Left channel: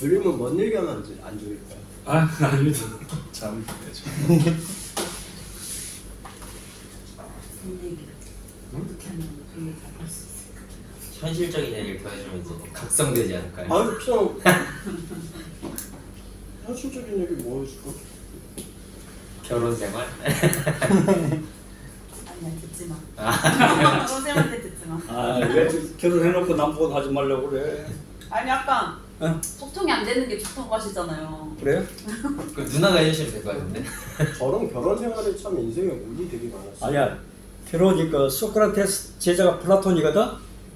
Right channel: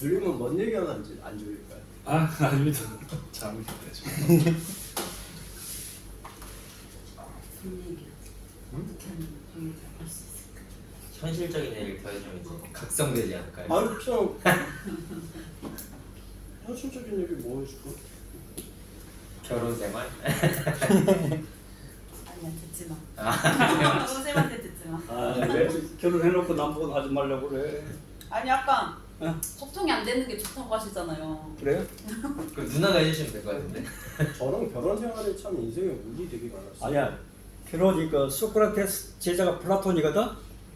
졸리면 뭔 얘기하면 안 졸릴까요? 아 아닙니다. 잠을 자야죠. 어떻게 하면 그걸 잘할 수 있을까? 현실적인 얘기를 보여주면 이제 각성되지 않을까요? 아유 그냥 현실적인 얘기 뭐 해줄까? 결혼 생활? 아니야 듣지 마. 선생님한테 듣지 마. 아왜 결혼해놓고 남보고 하지 말라고 그래? 아니 약간 어? 소통이 안 되는 게 좋다고 하시잖아요. 그래요? 그 누나가 현실이 될 것 같은데? 저런 결혼 생활에 참 인생에 운이 되게 많았어요. 아니야. 결혼이 그 소크라테스 제자가 플라톤이거든.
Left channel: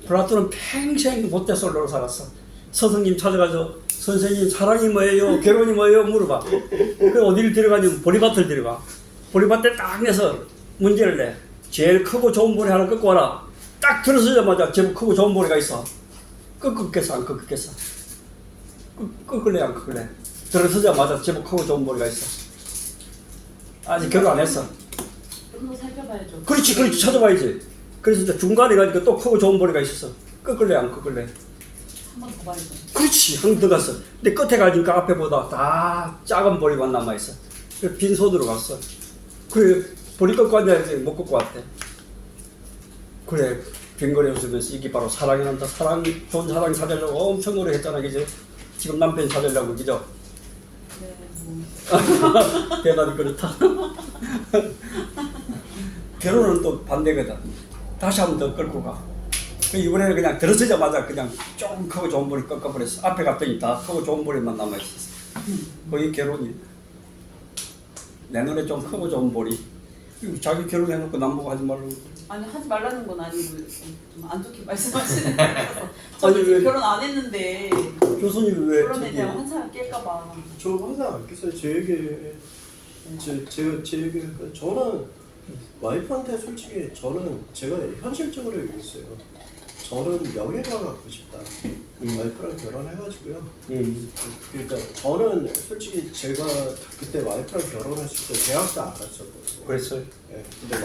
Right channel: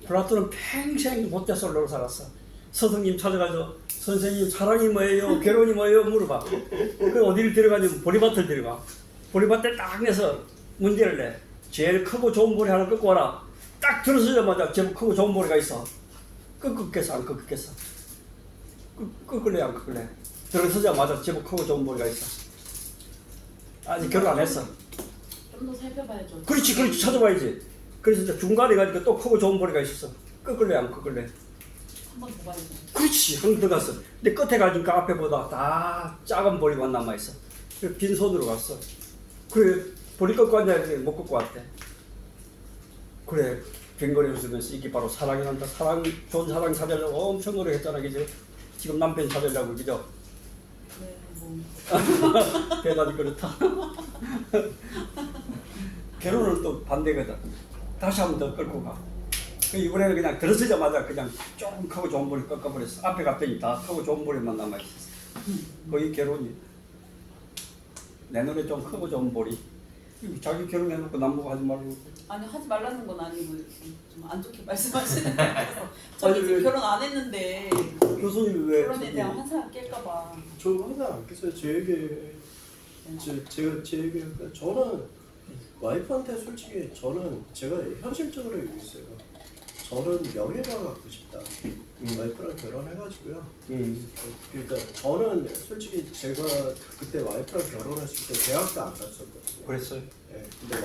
플라톤은 평생 모태솔로로 살았어. 스승님 찾아가서 선생님 사랑이 뭐예요? 결혼이 뭐예요? 물어봐. 그 어디를 데려가냐면 보리밭을 데려가. 보리밭에 딱 내서 문제를 내. 제일 크고 좋은 보리 하나 꺾고 와라. 딱 들어서자마자 제일 크고 좋은 보리가 있어. 꺾겠어 안 꺾겠어? 꺾을래 안 꺾을래? 들어서자마자 제일 크고 좋은 보리가 있어. 아직 결혼 안 했어. 좀 더 살펴봐야죠. 그렇지 찾아봐야지. 그래서 이제 중간에 가니까 또 크고 좋은 보리가 있었어. 꺾을래 안 꺾을래? 한 번 더 봐야죠. 그렇지 한 번 더 갔어. 근데 끝에 가니까 앞에보다 다 작은 보리만 남아있어. 그래서 빈손으로 갔어. 그래 보리 꺾고 앉아야지 못 꺾고 왔대. 그래 빈거리 웃으면서 이게 바로 사랑이란다. 사랑 좋은 사랑 찾으려고 엄청 노력했잖아 그지? 지금 남편 찾으려고 그죠? 네, 뭐 대단히 그렇다. 결혼은 또 반대거든. 다시 한 번 더 끌고 가. 그 이번에는 그냥 들어서자마자 그냥 조금 크고 좋은 볼이 꺾어버렸어. 앞에 갔더니 다 크고 좋은 볼이만 남아있었어. 거기 결혼이. 내 눈에 좀 크고 좋은 볼이. 자기 결혼해놓고 남보고 하지 말고. 아니 하지 말라는 건 아니고 좀 안 좋게 말씀하시는 것 같아서 저는 아니, 지금 왜- 결혼 안 했는데 교수님 왜 결혼에 저기 대한 환상을 깰까봐. 저 항상 안 깼어요. 제 얘기 저는 와이프한테 솔직히 저는 제가 현실적으로 얘기했어요. 저는 명예가 갖고 싶다. 와이프랑 결혼해가지고요. 그러니까 저는 솔직히 제가 그때 와이프랑 결혼했을 때 대학도 안 갔었고. 그랬어요? 네, 근데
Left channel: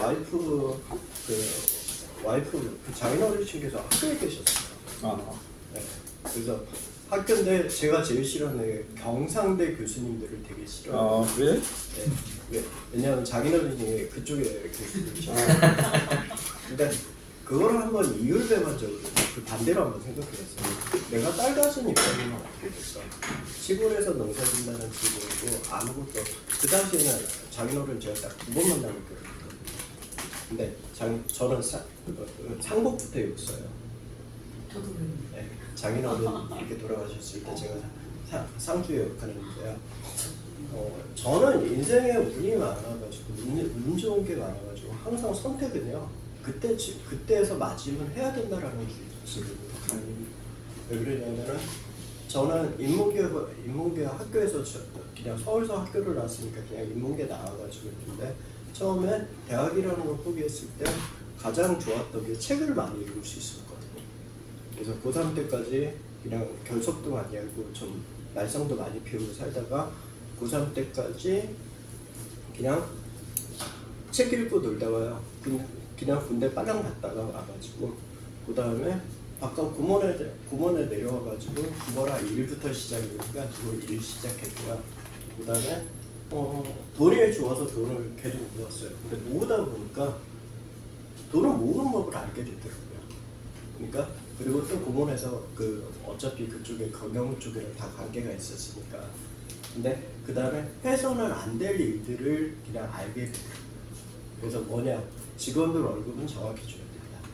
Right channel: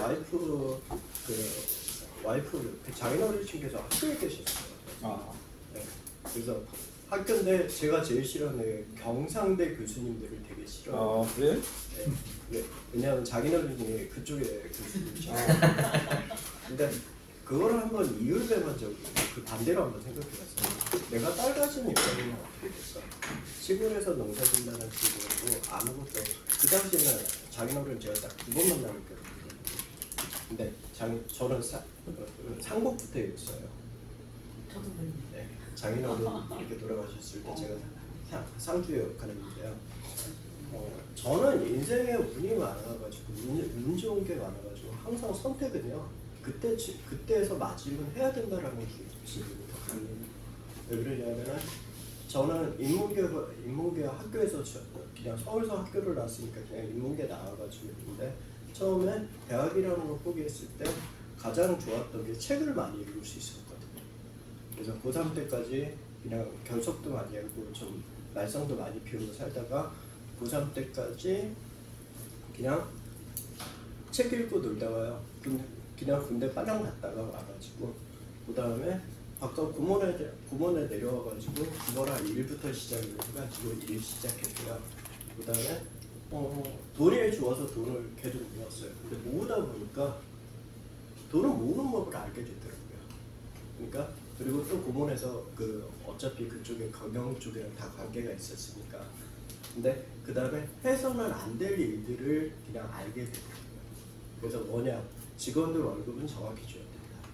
와이프 그 장인어르신께서 학교에 계셨어요. 아, 네, 그래서 학교인데 제가 제일 싫어하는 경상대 교수님들을 되게 싫어해요. 그래? 네, 왜냐하면 장인어른이 그쪽에 교수님이셔서. 근데 그거를 한번 이율배반적으로 그 반대로 한번 생각해봤어요. 내가 딸 가진 입장이면 어떻겠어. 시골에서 농사 짓는다는 친구고 아무것도 그 당시에는 장인어른 제가 딱 두 번만 남을 거예요. 근데 저는 상복부터 입었어요. 저도 그래요. 네, 장인어른 이렇게 돌아가셨을 때 제가 상주 역할했는데요. 저는 인생에 운이 많아가지고 운 좋은 게 많아가지고 항상 선택은요. 그때에서 맞으면 해야 된다라는 주의거든요. 왜 그러냐면은 저는 인문계 학교에서 그냥 서울서 학교를 나왔으니까 그냥 인문계 나와가지고 있는데 처음에 대학이라는 걸 포기했을 때 가장 좋았던 게 책을 많이 읽을 수 있었거든요. 그래서 고3 때까지 그냥 결석도 많이 하고 좀 말썽도 많이 피우고 살다가 고3 때까지 그냥 책 읽고 놀다가요. 그냥 군대 빨랑 갔다가 와가지고 그 다음에 아까 구몬에 내려와가지고 구몬아 일부터 시작이니까 그걸 일 시작했다가 그 다음에 돈이 좋아서 돈을 계속 모았어요. 근데 모으다 보니까 돈을 모으는 법을 알게 되더라고요. 그러니까 그리고 또 구몬에서 어차피 그쪽에 경영 쪽에는 다 관계가 있었으니까. 근데 그 다음에 해서는 안 될 일들을 그냥 알게 되더라고요. 그래서 뭐냐, 직원들 월급은 정확히 줘야 된다.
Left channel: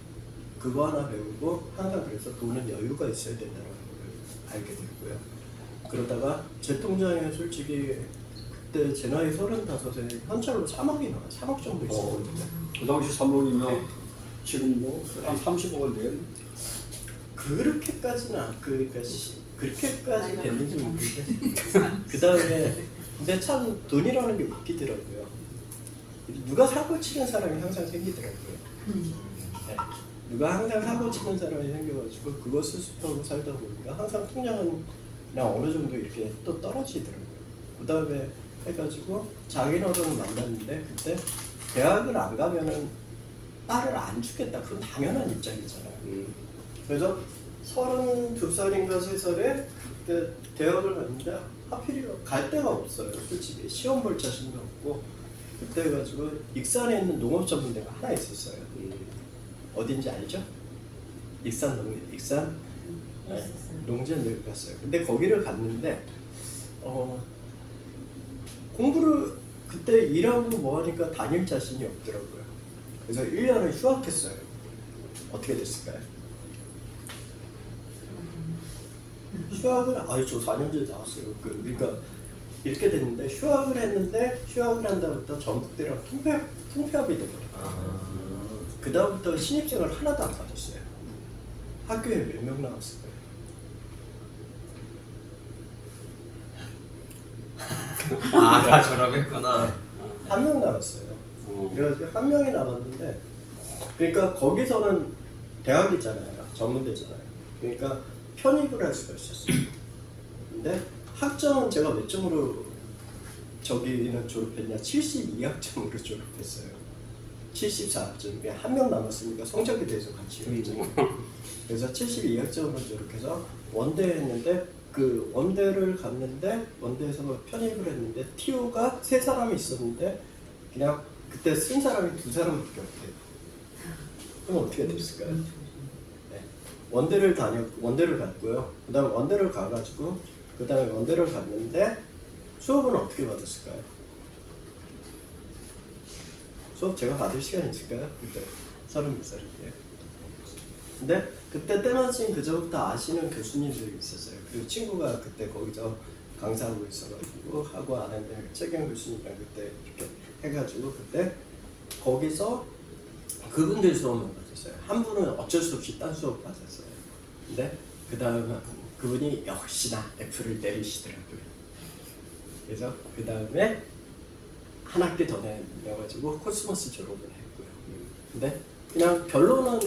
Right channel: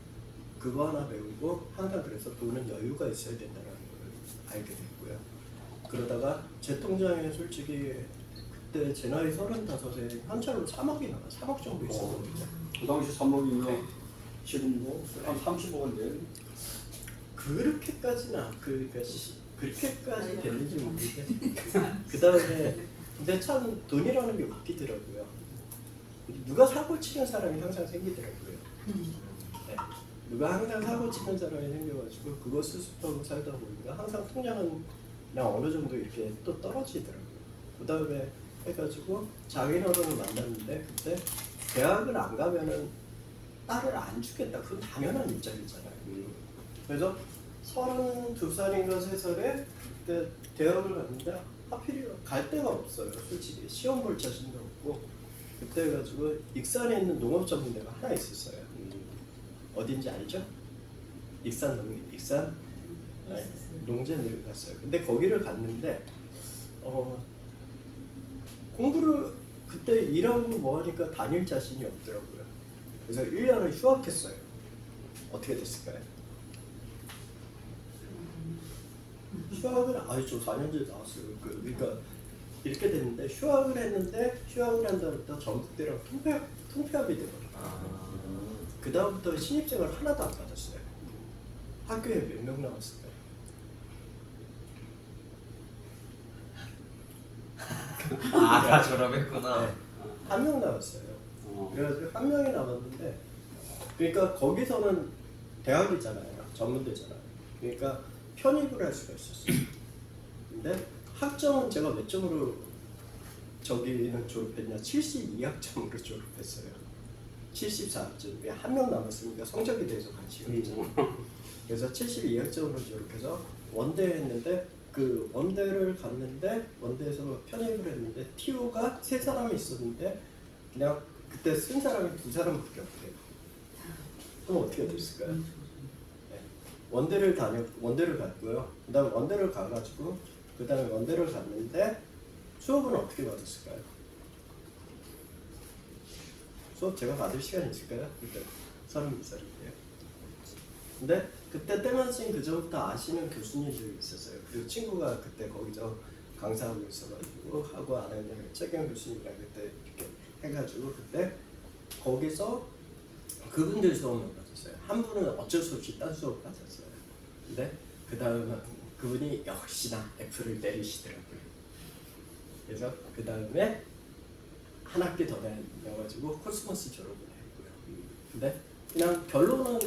그거 하나 배우고 항상 그래서 돈은 여유가 있어야 된다는 걸 알게 됐고요. 그러다가 제 통장에 솔직히 그때 제 나이 35에 현찰로 3억 정도 있었거든요. 그 당시 3억이면 지금 뭐 한 30억은 돼요? 그렇게까지는 그렇게까지 됐는지 모르겠어요. 그 다음에 근데 참 돈이라는 게 웃기더라고요. 누가 사고 치는 사람이 항상 생기더라고요. 네. 누가 항상 사고 치는 사람이 생겨가지고 그거 스스로 살다 보니까 항상 통장은 그냥 어느 정도 이렇게 또 떨어지더라고요. 그 다음에 해가지고 장인어른을 만났는데 그때 대학을 안 가면은 딸을 안 주겠다. 그건 당연한 입장이잖아요. 그래서 32살인가 3살에 그 대학을 갔는데 하필이면 갈 데가 없어요. 솔직히 시험 볼 자신도 없고 그때 가지고 익산에 있는 농업 전문대가 하나 있었어요. 어딘지 알죠? 익산 농 익산 네, 농전을 갔어요. 근데 거기를 갔는데 공부를 그때 일하고 뭐 하니까 다닐 자신이 없더라고요. 그래서 1년을 휴학했어요. 어떻게 됐을까요? 휴학을 저 4년 전에 나왔어요. 그러니까 이렇게 됐는데 휴학을 한다부터 전국대랑 통폐합이 되더라고요. 그 다음부터 신입생을 하나도 안 받았어요. 학교에 몇 명 나왔을까요? 다 졸업했구나. 한 명 나왔어요. 그래서 한 명이 남았는데, 그러니까 거기서는 대학이잖아요, 전문대잖아요. 그러니까 편입을 할 수가 있었어요. 근데 학점은 제가 몇 점으로 저기는 졸업했냐? 72학점으로 졸업했어요. 74학점. 한 명 남았으니까 성적에 대해서 같이 했죠. 그래서 72학점으로 졸업해서 원대 했는데 그 원대를 갔는데 원대에서 편입을 했는데 TO가 3사람이 있었는데 그냥 그때 쓴 사람이 2사람밖에 없대요. 그럼 어떻게 됐을까요? 네. 원대를 갔고요. 그다음 원대를 가가지고 그다음에 원대를 갔는데 수업은 어떻게 받았을까요? 수업 제가 받을 시간이 있을까요? 그때 32살인데. 근데 그때 때마침 그전부터 아시는 교수님들이 있었어요. 그 친구가 그때 거기서 강사하고 있어가지고 하고 아는 최경 교수님이랑 그때 이렇게 해가지고 그때 거기서 그분들 수업만 받았어요. 한 분은 어쩔 수 없이 딴 수업 받았어요. 근데 그 다음에 그분이 역시나 F를 내리시더라고요. 그래서 그 다음에 한 학기 더 내가지고 코스모스 졸업을 했고요. 근데 그냥 결론은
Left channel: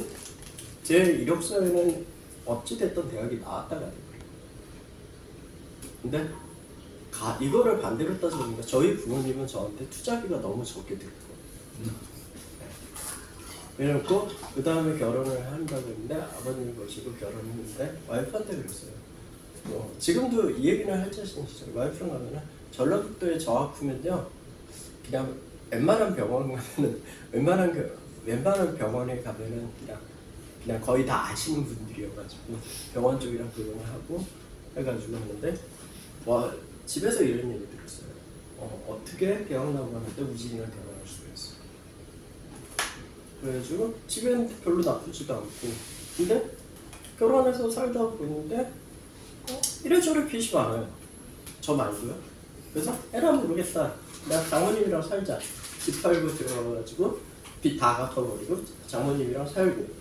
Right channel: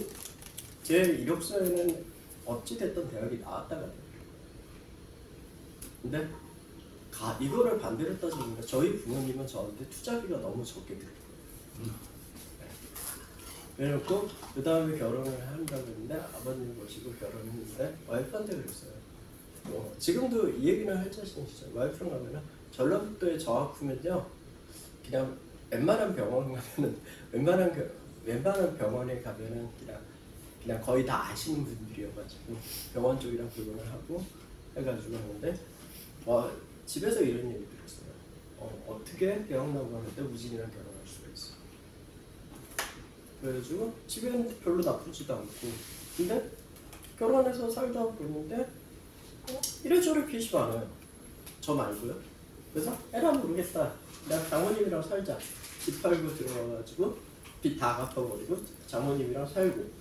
제 이력서에는 어찌됐던 대학이 나왔다가 되고요. 근데 이거를 반대로 따져보니까 저희 부모님은 저한테 투자비가 너무 적게 들었거든요. 그래놓고 그 다음에 결혼을 한다고 했는데 아버님이 모시고 결혼했는데 와이프한테 그랬어요. 지금도 이 얘기는 할 자신 있어요. 와이프랑 가면은 전라북도에 저 아프면요 그냥 웬만한 병원에 가면은 그냥 거의 다 아시는 분들이어가지고 병원 쪽이랑 그거는 하고 해가지고 했는데 와 집에서 이런 얘기 들었어요. 어떻게 대학 나오는데 우진이랑 결혼할 수가 있어? 그래가지고 집엔 별로 나쁘지도 않고 근데 결혼해서 살다 보는데 이래저래 빚이 많아요. 저 말고요. 그래서 에라 모르겠다. 내가 장모님이랑 살자. 집 팔고 들어가가지고 빚 다 갚아버리고 장모님이랑 살고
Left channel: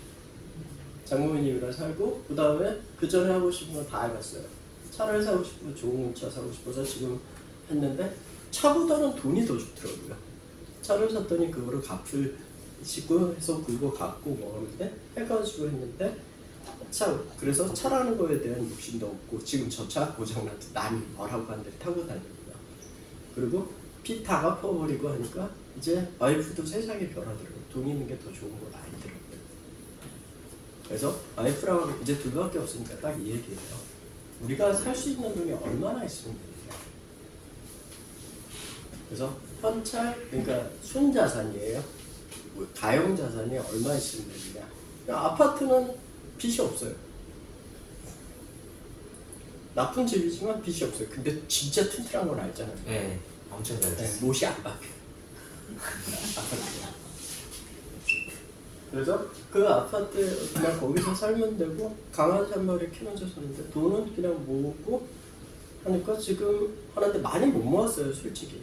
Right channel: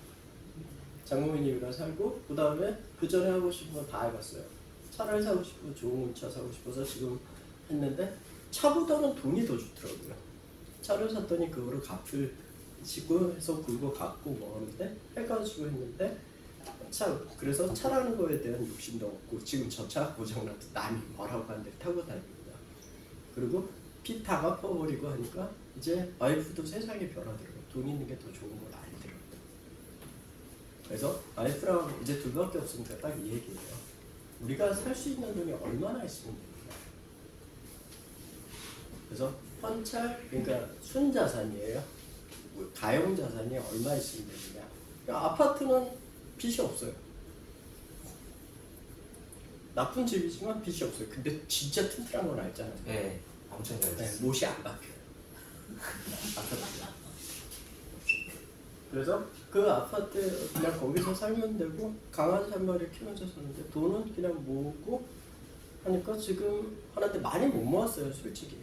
그 다음에 그 전에 하고 싶은 거 다 해봤어요. 차를 사고 싶고 좋은 차 사고 싶어서 지금 했는데 차보다는 돈이 더 좋더라고요. 차를 샀더니 그거를 갚으시고 해서 그거 갚고 뭐 하는데 해가지고 했는데 그래서 차라는 거에 대한 욕심도 없고 지금 저 차 고장나서 남이 뭐라고 하는데 타고 다닙니다. 그리고 빚 다 갚아버리고 하니까 이제 와이프도 세상이 변하더라고요. 돈 있는 게 더 좋은 거 알더라고요. 그래서 와이프랑 이제 둘밖에 없으니까 딱 이 얘기예요. 우리가 살 수 있는 돈이 얼마나 있으면 되느냐. 그래서 현찰, 그러니까 순자산이에요. 가용자산이 얼마 있으면 되느냐. 그러니까 아파트는 빚이 없어요. 나쁜 집이지만 빚이 없어요. 근데 진짜 튼튼한 건 알잖아요. 네, 엄청 잘 됐어요. 못이 안 박혀. 아파트가. 그래서 그 아파트 그냥 거기서 살면 되고 강아지 한 마리 키우면서 사는데 돈은 그냥 모으고 하니까 지금 하는데 많이 못 모았어요. 솔직히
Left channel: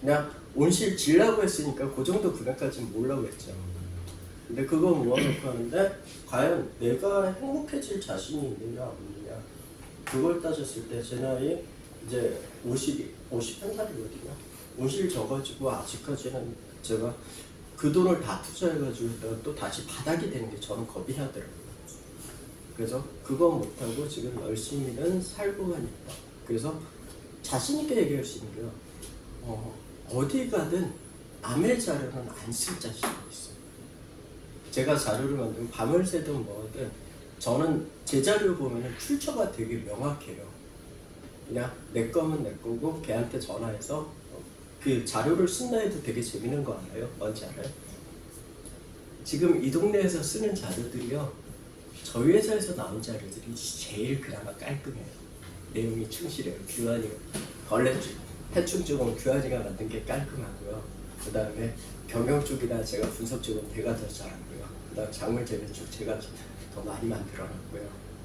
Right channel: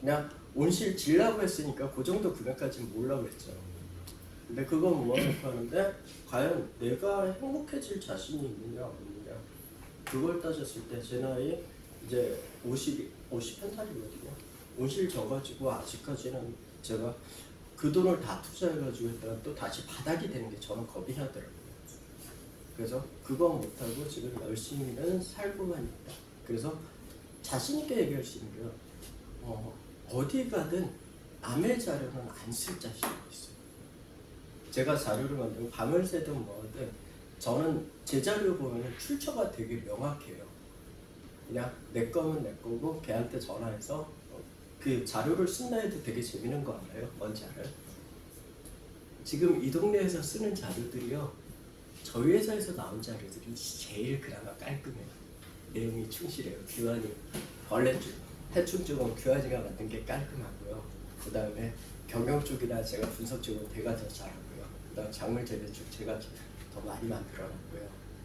그냥 온실 질라고 했으니까 그 정도 금액까지는 모으려고 했죠. 근데 그거 모아놓고 하는데 과연 내가 행복해질 자신이 있느냐 없느냐 그걸 따졌을 때 제 나이 이제 51살이거든요. 온실 져가지고 아직까지는 제가 그 돈을 다 투자해가지고 했다가 또 다시 바닥이 되는 게 저는 겁이 나더라고요. 그래서 그거 못하고 지금 열심히는 살고만 있다. 그래서 자신 있게 얘기할 수 있는 게요. 어디 가든 남의 자료는 안 쓸 자신이 있어요. 제가 자료를 만들고 밤을 새든 뭐든 저는 제 자료 보면 출처가 되게 명확해요. 그냥 내 거면 내 거고 걔한테 전화해서 그 자료를 쓴다 해도 되게 재밌는 거 알아요? 뭔지 알아요? 지금 이 동네에서 쓰는 자료들이요, 저희 회사에서 나온 자료들이 제일 그나마 깔끔해요. 내용이 충실해요. 규환이 원래 해충 쪽은 규환이가 만든 게 깔끔하고요. 그 다음에 경영 쪽이나 제가 분석 쪽은 제가 더 잘하고요. 그 다음 작물 재배 쪽 제가 더 많이 만들어놨고요.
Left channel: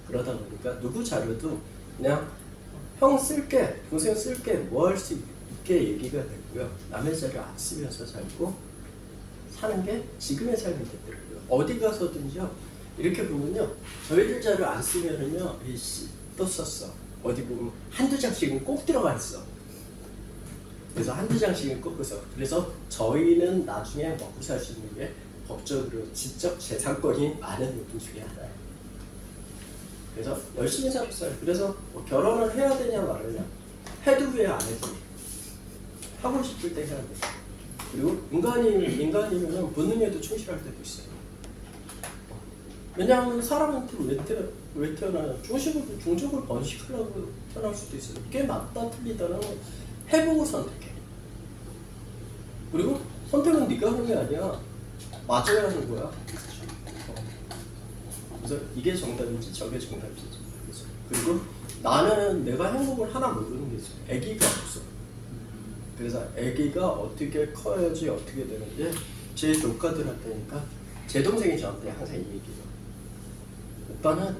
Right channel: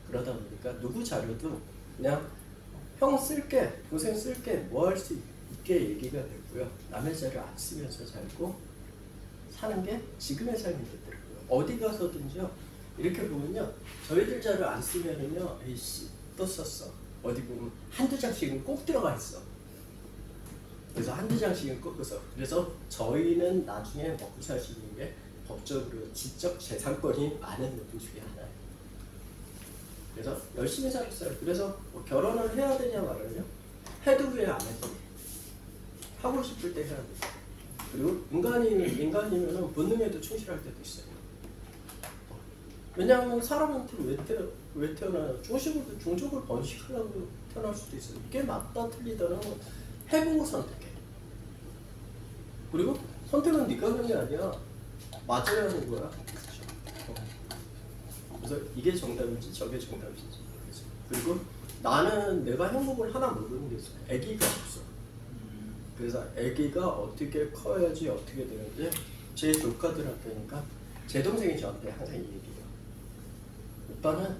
그러다 보니까 누구 자료도 그냥 형 쓸게, 동생 쓸게, 뭐 할 수 있게 얘기가 되고요. 남의 자료 안 쓰면서 살고 사는 게 지금의 삶이 되더라고요. 어디 가서든지요, 이렇게 보면요, 저희들 자료 안 쓰면은요, 이씨 또 썼어. 어디 보면 한두 장씩은 꼭 들어가 있어. 그래서 한두 장씩은 꼭 써. 그래서 저희는 나중에 먹고 살 수 있는 게 법적으로 지적 재산권이 많은 노동 중에 하나예요. 그래서 열심히 살고 있어요. 그래서 뭐 결혼을 해야 되냐 말하냐, 해도 왜 안 해도 왜. 하고 싶을 때 해야 돼. 그리고 인간이면 본능에도 충실할 때도 있어요. 왜냐하면 사람한테 왜 태어나요? 종족을 번식하려고 태어날 수도 있어요. 이게 맞다 틀리다는 건 해보고 선택해. 그리고 선택은 네가 하는 게 아니야. 맞아야 하는 거야. 그래서 이게 정답인지 저게 정답인지 모르겠어요. 그리고 나는 내가 행복을 하나 모르는 게 있어요. 아기가 없어. 그래서 아기가 어떻게 커야지 어떻게 되는데 제 조카들한테니까 제 동생이 저한테 항상 이 얘기해요. 오빠는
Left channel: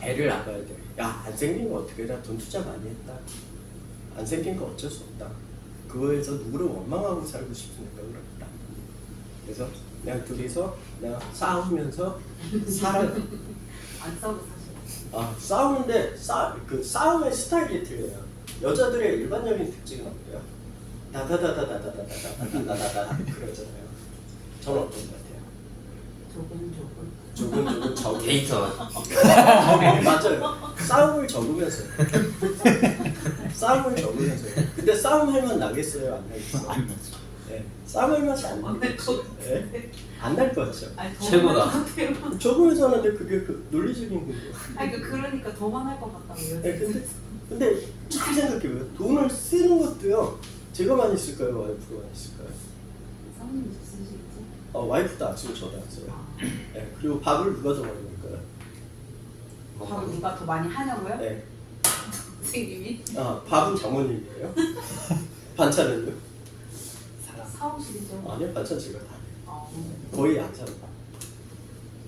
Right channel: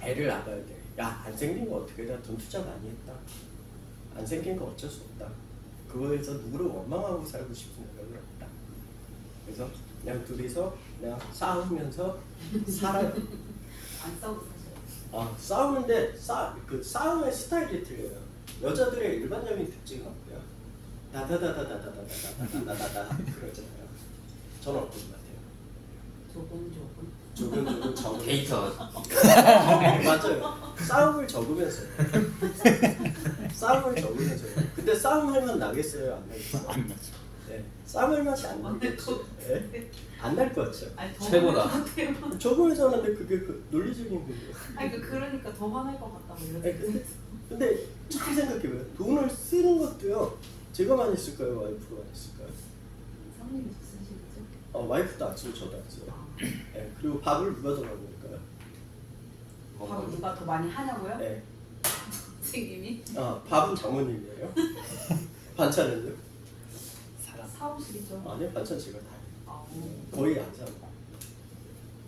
애를 낳아야 돼. 야, 안 생긴 거 어떻게 해? 돈 투자 많이 했다. 안 생긴 거 어쩔 수 없다. 그거에서 누구를 원망하고 살고 싶은 생각을 했다. 그래서 그냥 둘이서 그냥 싸우면서 살아요. 안 싸우고 사셔. 싸우는데 그 싸움의 스타일이 틀려요. 여자들의 일반적인 특징은 어때요? 다다다다다다다다다다다다 그러잖아요. 저는 어떤 것 같아요? 조금 적은 데이터. 맞아요. 싸움을 적으면서 싸움을 적으면서 근데 싸움하면 나겠어요? 안 나겠어요? 안 나죠. 네. 싸움할 맛이 안 나겠죠? 안 날 것 같죠? 아니, 더 최고다. 많을 것 같아요. 적으면서 하는데 그게 그 논리적인 거예요. 아니 그러니까 더 많을 것 같다고요. 네, 근데 잘 생각해보면 돈을 쓰는 것도요, 제가 많이 쓸까요? 와이프가 많이 쓸까요? 사모님 쓰시죠? 와이프도 안 쓰고 저도 안 써요. 아, 네, 그리고 밥을 누가 더 많이 할까요? 밥을 누가 더 많이 하냐고요? 네. 선생님이 밥은 장모님이에요. 반찬은요? 사오시죠. 아니요, 반찬 제가 다 해요. 아, 거의 안 사요.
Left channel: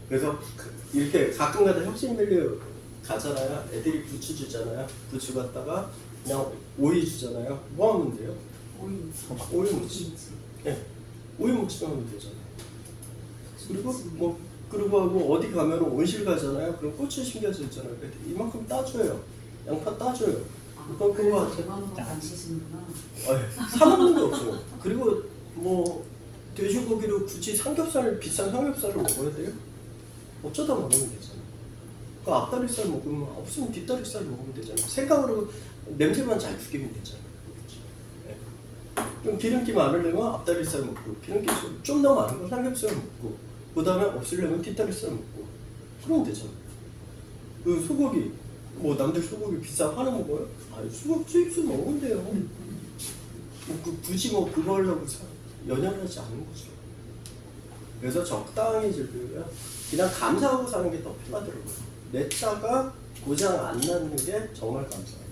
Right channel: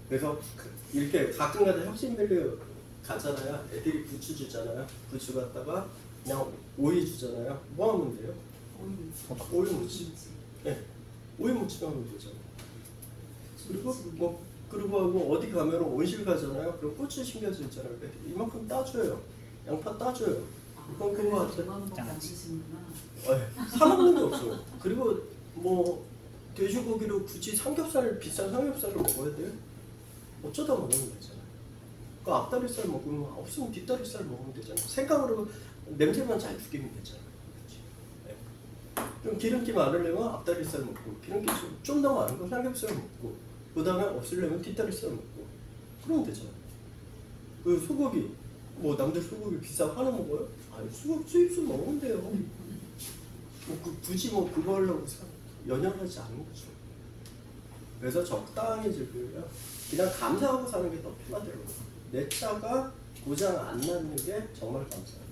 그래서 이렇게 가끔가다 혁신 밸류 가잖아요. 애들이 부추 주잖아요. 부추 갖다가 그냥 오이 주잖아요. 뭐 하면 돼요? 오이 무치. 네, 오이 무치 하면 되잖아요. 그리고 하고 어디 가면 온실 가잖아요. 그럼 고추 심겨져 있잖아요. 이만큼 따줘요. 양파 따줘요. 그건 그거 하세요. 거안 쓰시는구나. 사 먹는 게 없어요. 그리고 뭐 돼지고기로 굳이 삼겹살 비싼 삼겹살을 먹어야 돼요? 어쩌다 먹으면 되잖아요. 그 앞다리살 먹으면 없으면 뒷다리살 먹으면 되잖아요. 생각으로 냄새만 잘 죽이면 되잖아요. 네. 좀 기름기 많으려면 앞다리살 먹고 기름기 좀 더 많은 거 삼겹살 먹고 그 다음에 없으려면 뒷다리살 먹고 그러면 되잖아요. 그 소고기 뭐 남들 소고기 비싸 하나 먹어요? 아니 소고기 수입술 먹으면 돼요. 굳이 뭐 그거 하려고 연연하지 않는 거죠. 그래서 적당히 즐기고요. 그냥 감사하고 사는 게 더 편하더라고요. 내 차가 고장 안 나는 게 정말 감사해요.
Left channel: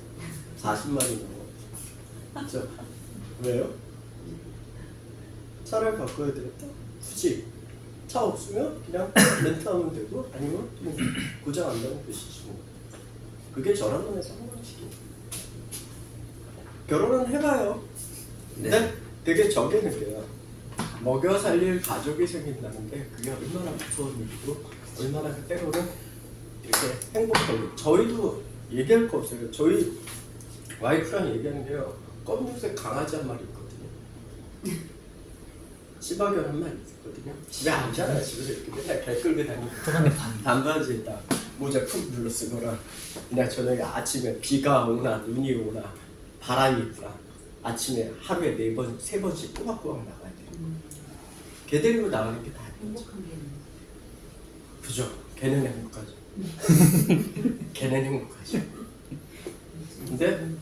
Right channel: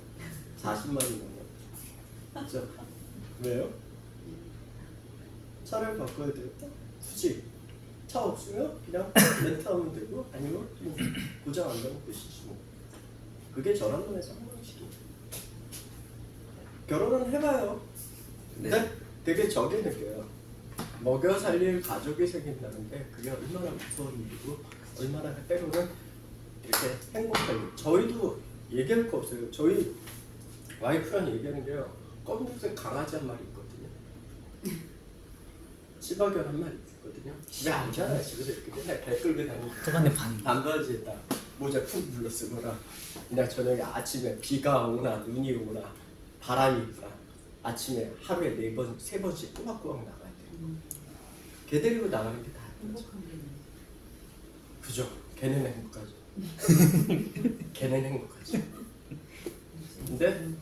40마리 넘어요. 진짜. 왜요? 차를 바꿔야 되겠다? 굳이 차 없으면 그냥 렌트하면 되고 아니면 뭐 고장 안 나면 그 시시고 그게 저랑 눈에 상관없이 결혼은 해봐요. 근데 되게 저게 느껴요. 먹여 살릴 가족이 생긴다는 게 그게 얼마나 무서운 일이고 얼마나 때로는 이렇게 행복해요. 저희도 얘기할 거 없어요. 저희 와이프랑 얘기하는 게요. 검은색 강아지 한 마리 있거든요. 시바견 한 마리 있거든요. 집에 앉잖아. 집에서 이렇게 맨날 발 끌고 다니고 저번에 반바지에다 모자 푹 눌러 쓰거나 그냥 저녁에 아침에 비가 오나 눈이 오나 바람이 부나 아침에 하루에 4번, 3번씩 꼬박꼬박 나가야 돼요. 걔 데리고 나가는 게 다 행복한 게 있네. 그죠? 걔는 행복하죠. 걔는 행복하죠. 근데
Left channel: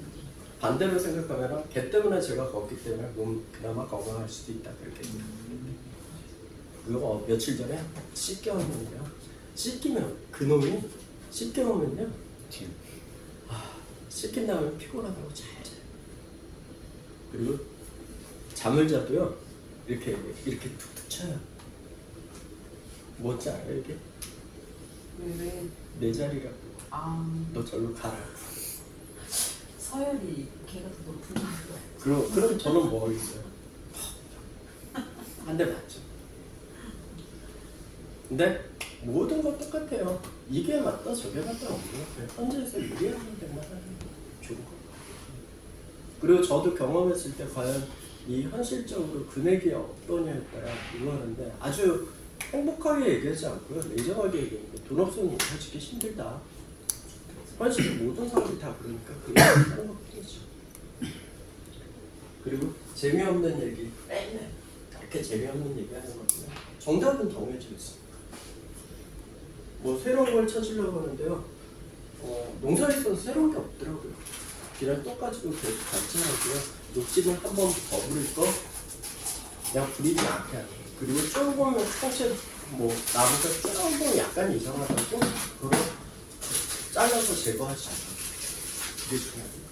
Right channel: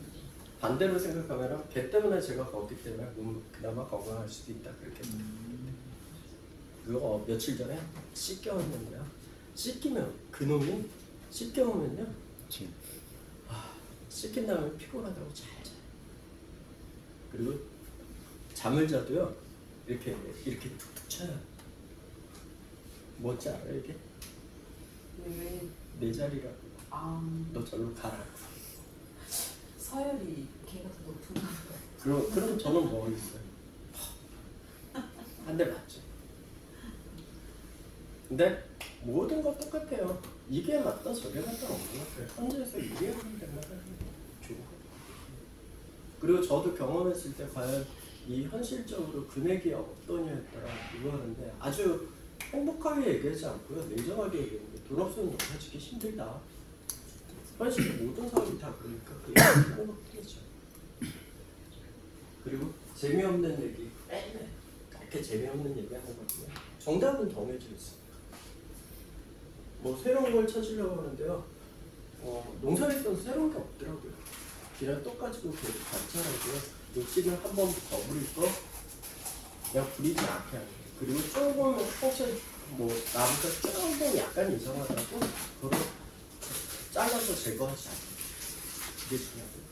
반대로 생각하면 걔 때문에 제가 걷기 때문에 몸 그나마 건강할 수도 있다 그렇게. 그리고 며칠 전에 씻겨오면요. 씻기면 그놈이 씻겨오면요. 씻긴 다음에 피곤하다고 잘 자요. 그리고 잠을 자도요. 이렇게 툭툭 쳐요. 뭔지 알아요 이게? 왜? 내 자리라고. 아 너 절로 가라. 서열이 걔가 더 높은가? 그럼 저는 뭐 있어요? 한 대 맞죠. 근데 모든 건 똑같아요. 이게 맞다 저게 맞다 없는 거예요. 현재에서 이해하는 데만 하는 게 좋은 거예요. 그리고 저도 경험했을 때 과연 이 현실적으로 금액이 어떠냐에 따라 이루어지는데 아주 행복하게 얘기하지 않고요. 냉정하게 얘기하는 돈 없으면 농사 짓기 힘들다. 현실에 모든 사람들이 다 그러니까 그렇게 하는 것뿐이죠. 그리고 재미없는 얘기 맨날 그렇게 재미없는 얘기 하는 거지만 정답은 정해져 있습니다. 뭐 새로운 걸 찾으려고 하는데요. 농사에서는 새로운 게 없더라고요. 그냥 똑같이도 계속 관찰하고요. 욕심을 한 번 더 부릴 거 그냥 부리지 않게 하는 거예요. 그리고 조금 상체 뭐 나무가 조금 약간 이상하다고 그걸 잘라서 제거할 수 있어요. 그게 중요해요.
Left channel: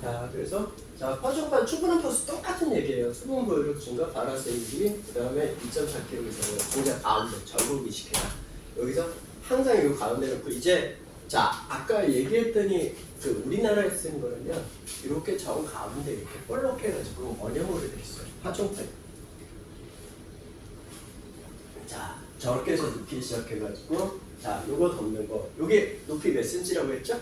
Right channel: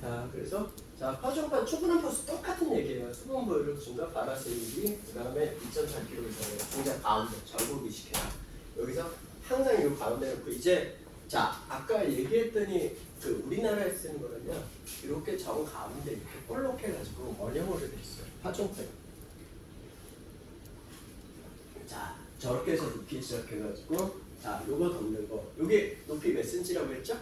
자, 그래서 자, 퍼즐과 충분한 퍼스 똑같은 얘기예요. 수분 보유력 증가, 바라세이기, 그 다음에 2.4kg 이상의 공작 가운데 절곡 이식해라. 여기서 항상 이 가운데 놓고 이제 자, 아까 얘기했더니 그 우리나라에 쓰는 거는요. 이렇게 정 가운데 이렇게 볼록 해가지고 원형으로 돼 있어요. 파종판. 자, 저렇게 해서 높이 시작해가지고 자, 요거 덮는 거. 요게 높이 몇 cm라고 했죠?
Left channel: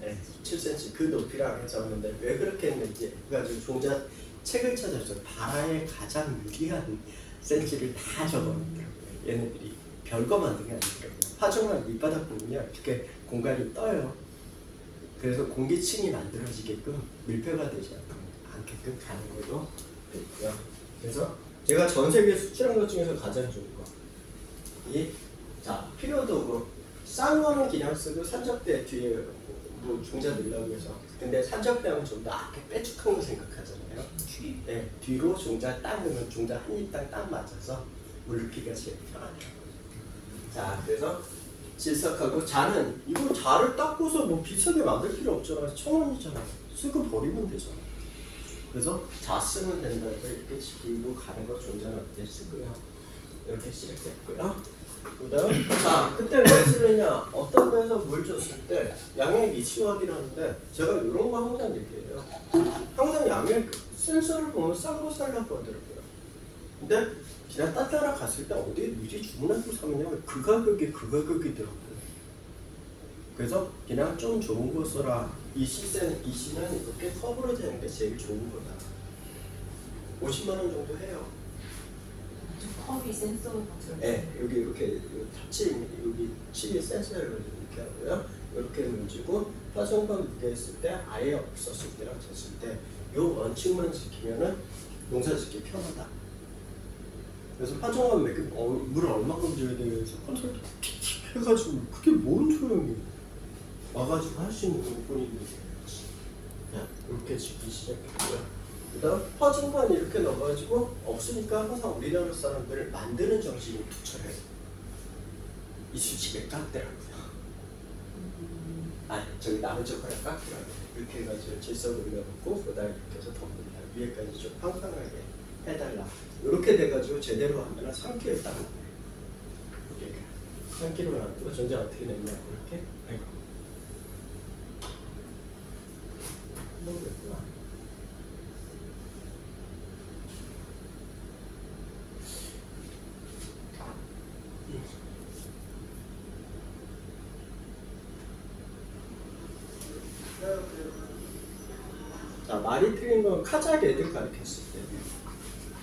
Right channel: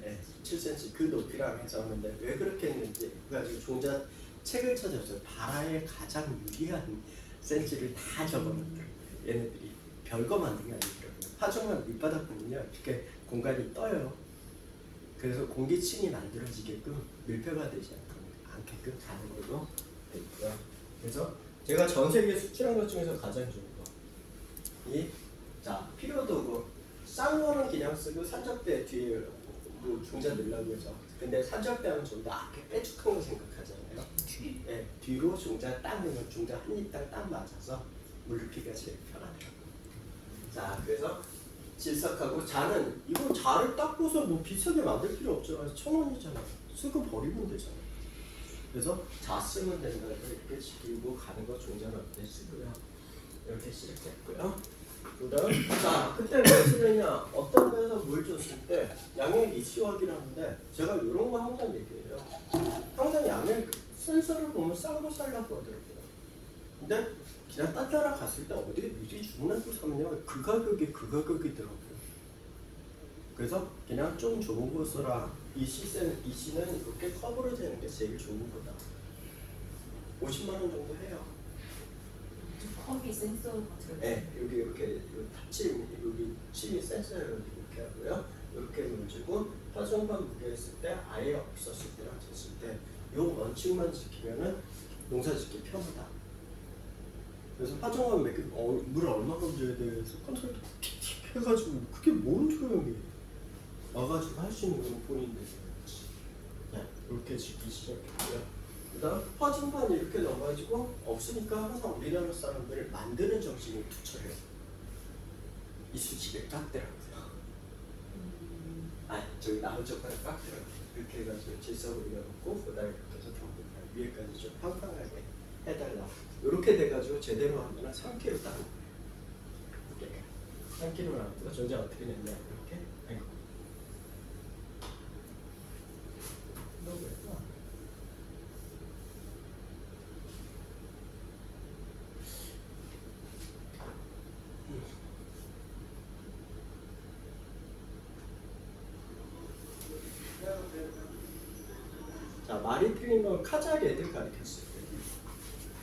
네, 7cm 그 높이라고 해서 하는데 왜 그렇게 했는지 그래가지고 종자 책을 찾았어요. 바라의 가장 유리한 센치를 다 적어놓더라고요. 얘네들이 별거 만든 게 아니더라고요. 파종한 밑바닥 보면요 이렇게 공간이 떠요. 그래서 공기층이 만들어지게끔 밀폐가 되지 않게끔 가는 걸로 되어 있고요. 그래서 제가 전 세계 수출한 것 중에서 가장 좋은 거 자 필요도구 싼 거는 그냥 쓰고 산적대 뒤에 뭐 중자 넣으려고 해서 근데 산적대하면 좀 더 앞에 빼죽한 거 생각하잖아요. 네, 뒤로 중자 딱 넣으면 중자 한 입당 딱 맞아서 물기가 제일 편하더라고요. 자 그래서 질석하고 자는 이거 자를 닦고서 뭐 비싸게 만들 필요 없잖아. 1,000원이잖아. 쓰고 버리면 되잖아. 그래서 자 쓰면 된다고 이렇게 지키고 가는 거 종자는 어때 쓰고요. 이렇게 시작했고요. 그다음 자 그때 왜 쓰느냐 어떤 데서 물 줬을 때 양액 이치확이라는데 제가 이런 거 항상 얘기해요. 항상 양액 센서를 보면 싼 거 살려고 하더라고요. 근데 그냥 따따라 갔을 때 어디에 미리 주문하고 사면요 그 가격이더라고요. 그래서 그냥 좀 좋은 거 써라. 이 시는 이렇게 커브로 되는 게 제일 좋은 거다. 50만 원 정도 해요. 컵이 센서 같은. 네, 여기 이렇게 타치 여기 칩이 센서를 이렇게 하고요. 이렇게 문지고 파종판 무게했을 때 아예 없었을 때랑 쟀을 때 이 원칙만 지키면은 농사짓기 편하다. 그래서 파종판 몇 개, 물을 얼마큼 줘야 돼 해서 컨트롤 틱틱 해가지고 그게 뭔 소용이 와가지고 할 수 있는 부분인데 이렇게 짓기 시작했고요. 그다음 파종판 이렇게 넣어가지고 없으니까 항상 우리나라 사람들을 만드는 정신을 투철해요. 이 수치를 깎더라고요. 저기 남은 젓가락 깎더라고요. 이렇게 해가지고 질석을 넣고 그다음 이렇게 해서 덮는다. 위에까지 좀 팡팡하게 해달라. 이렇게 돼가지고 제대로 하면 3kg 딱 나와요. 이렇게 3kg 나왔고 전자 어떻게 냈냐 이렇게. 아이고. 너무 예쁘다. 자, 말이 틀린 건 카작 애들 가르쳤을 때.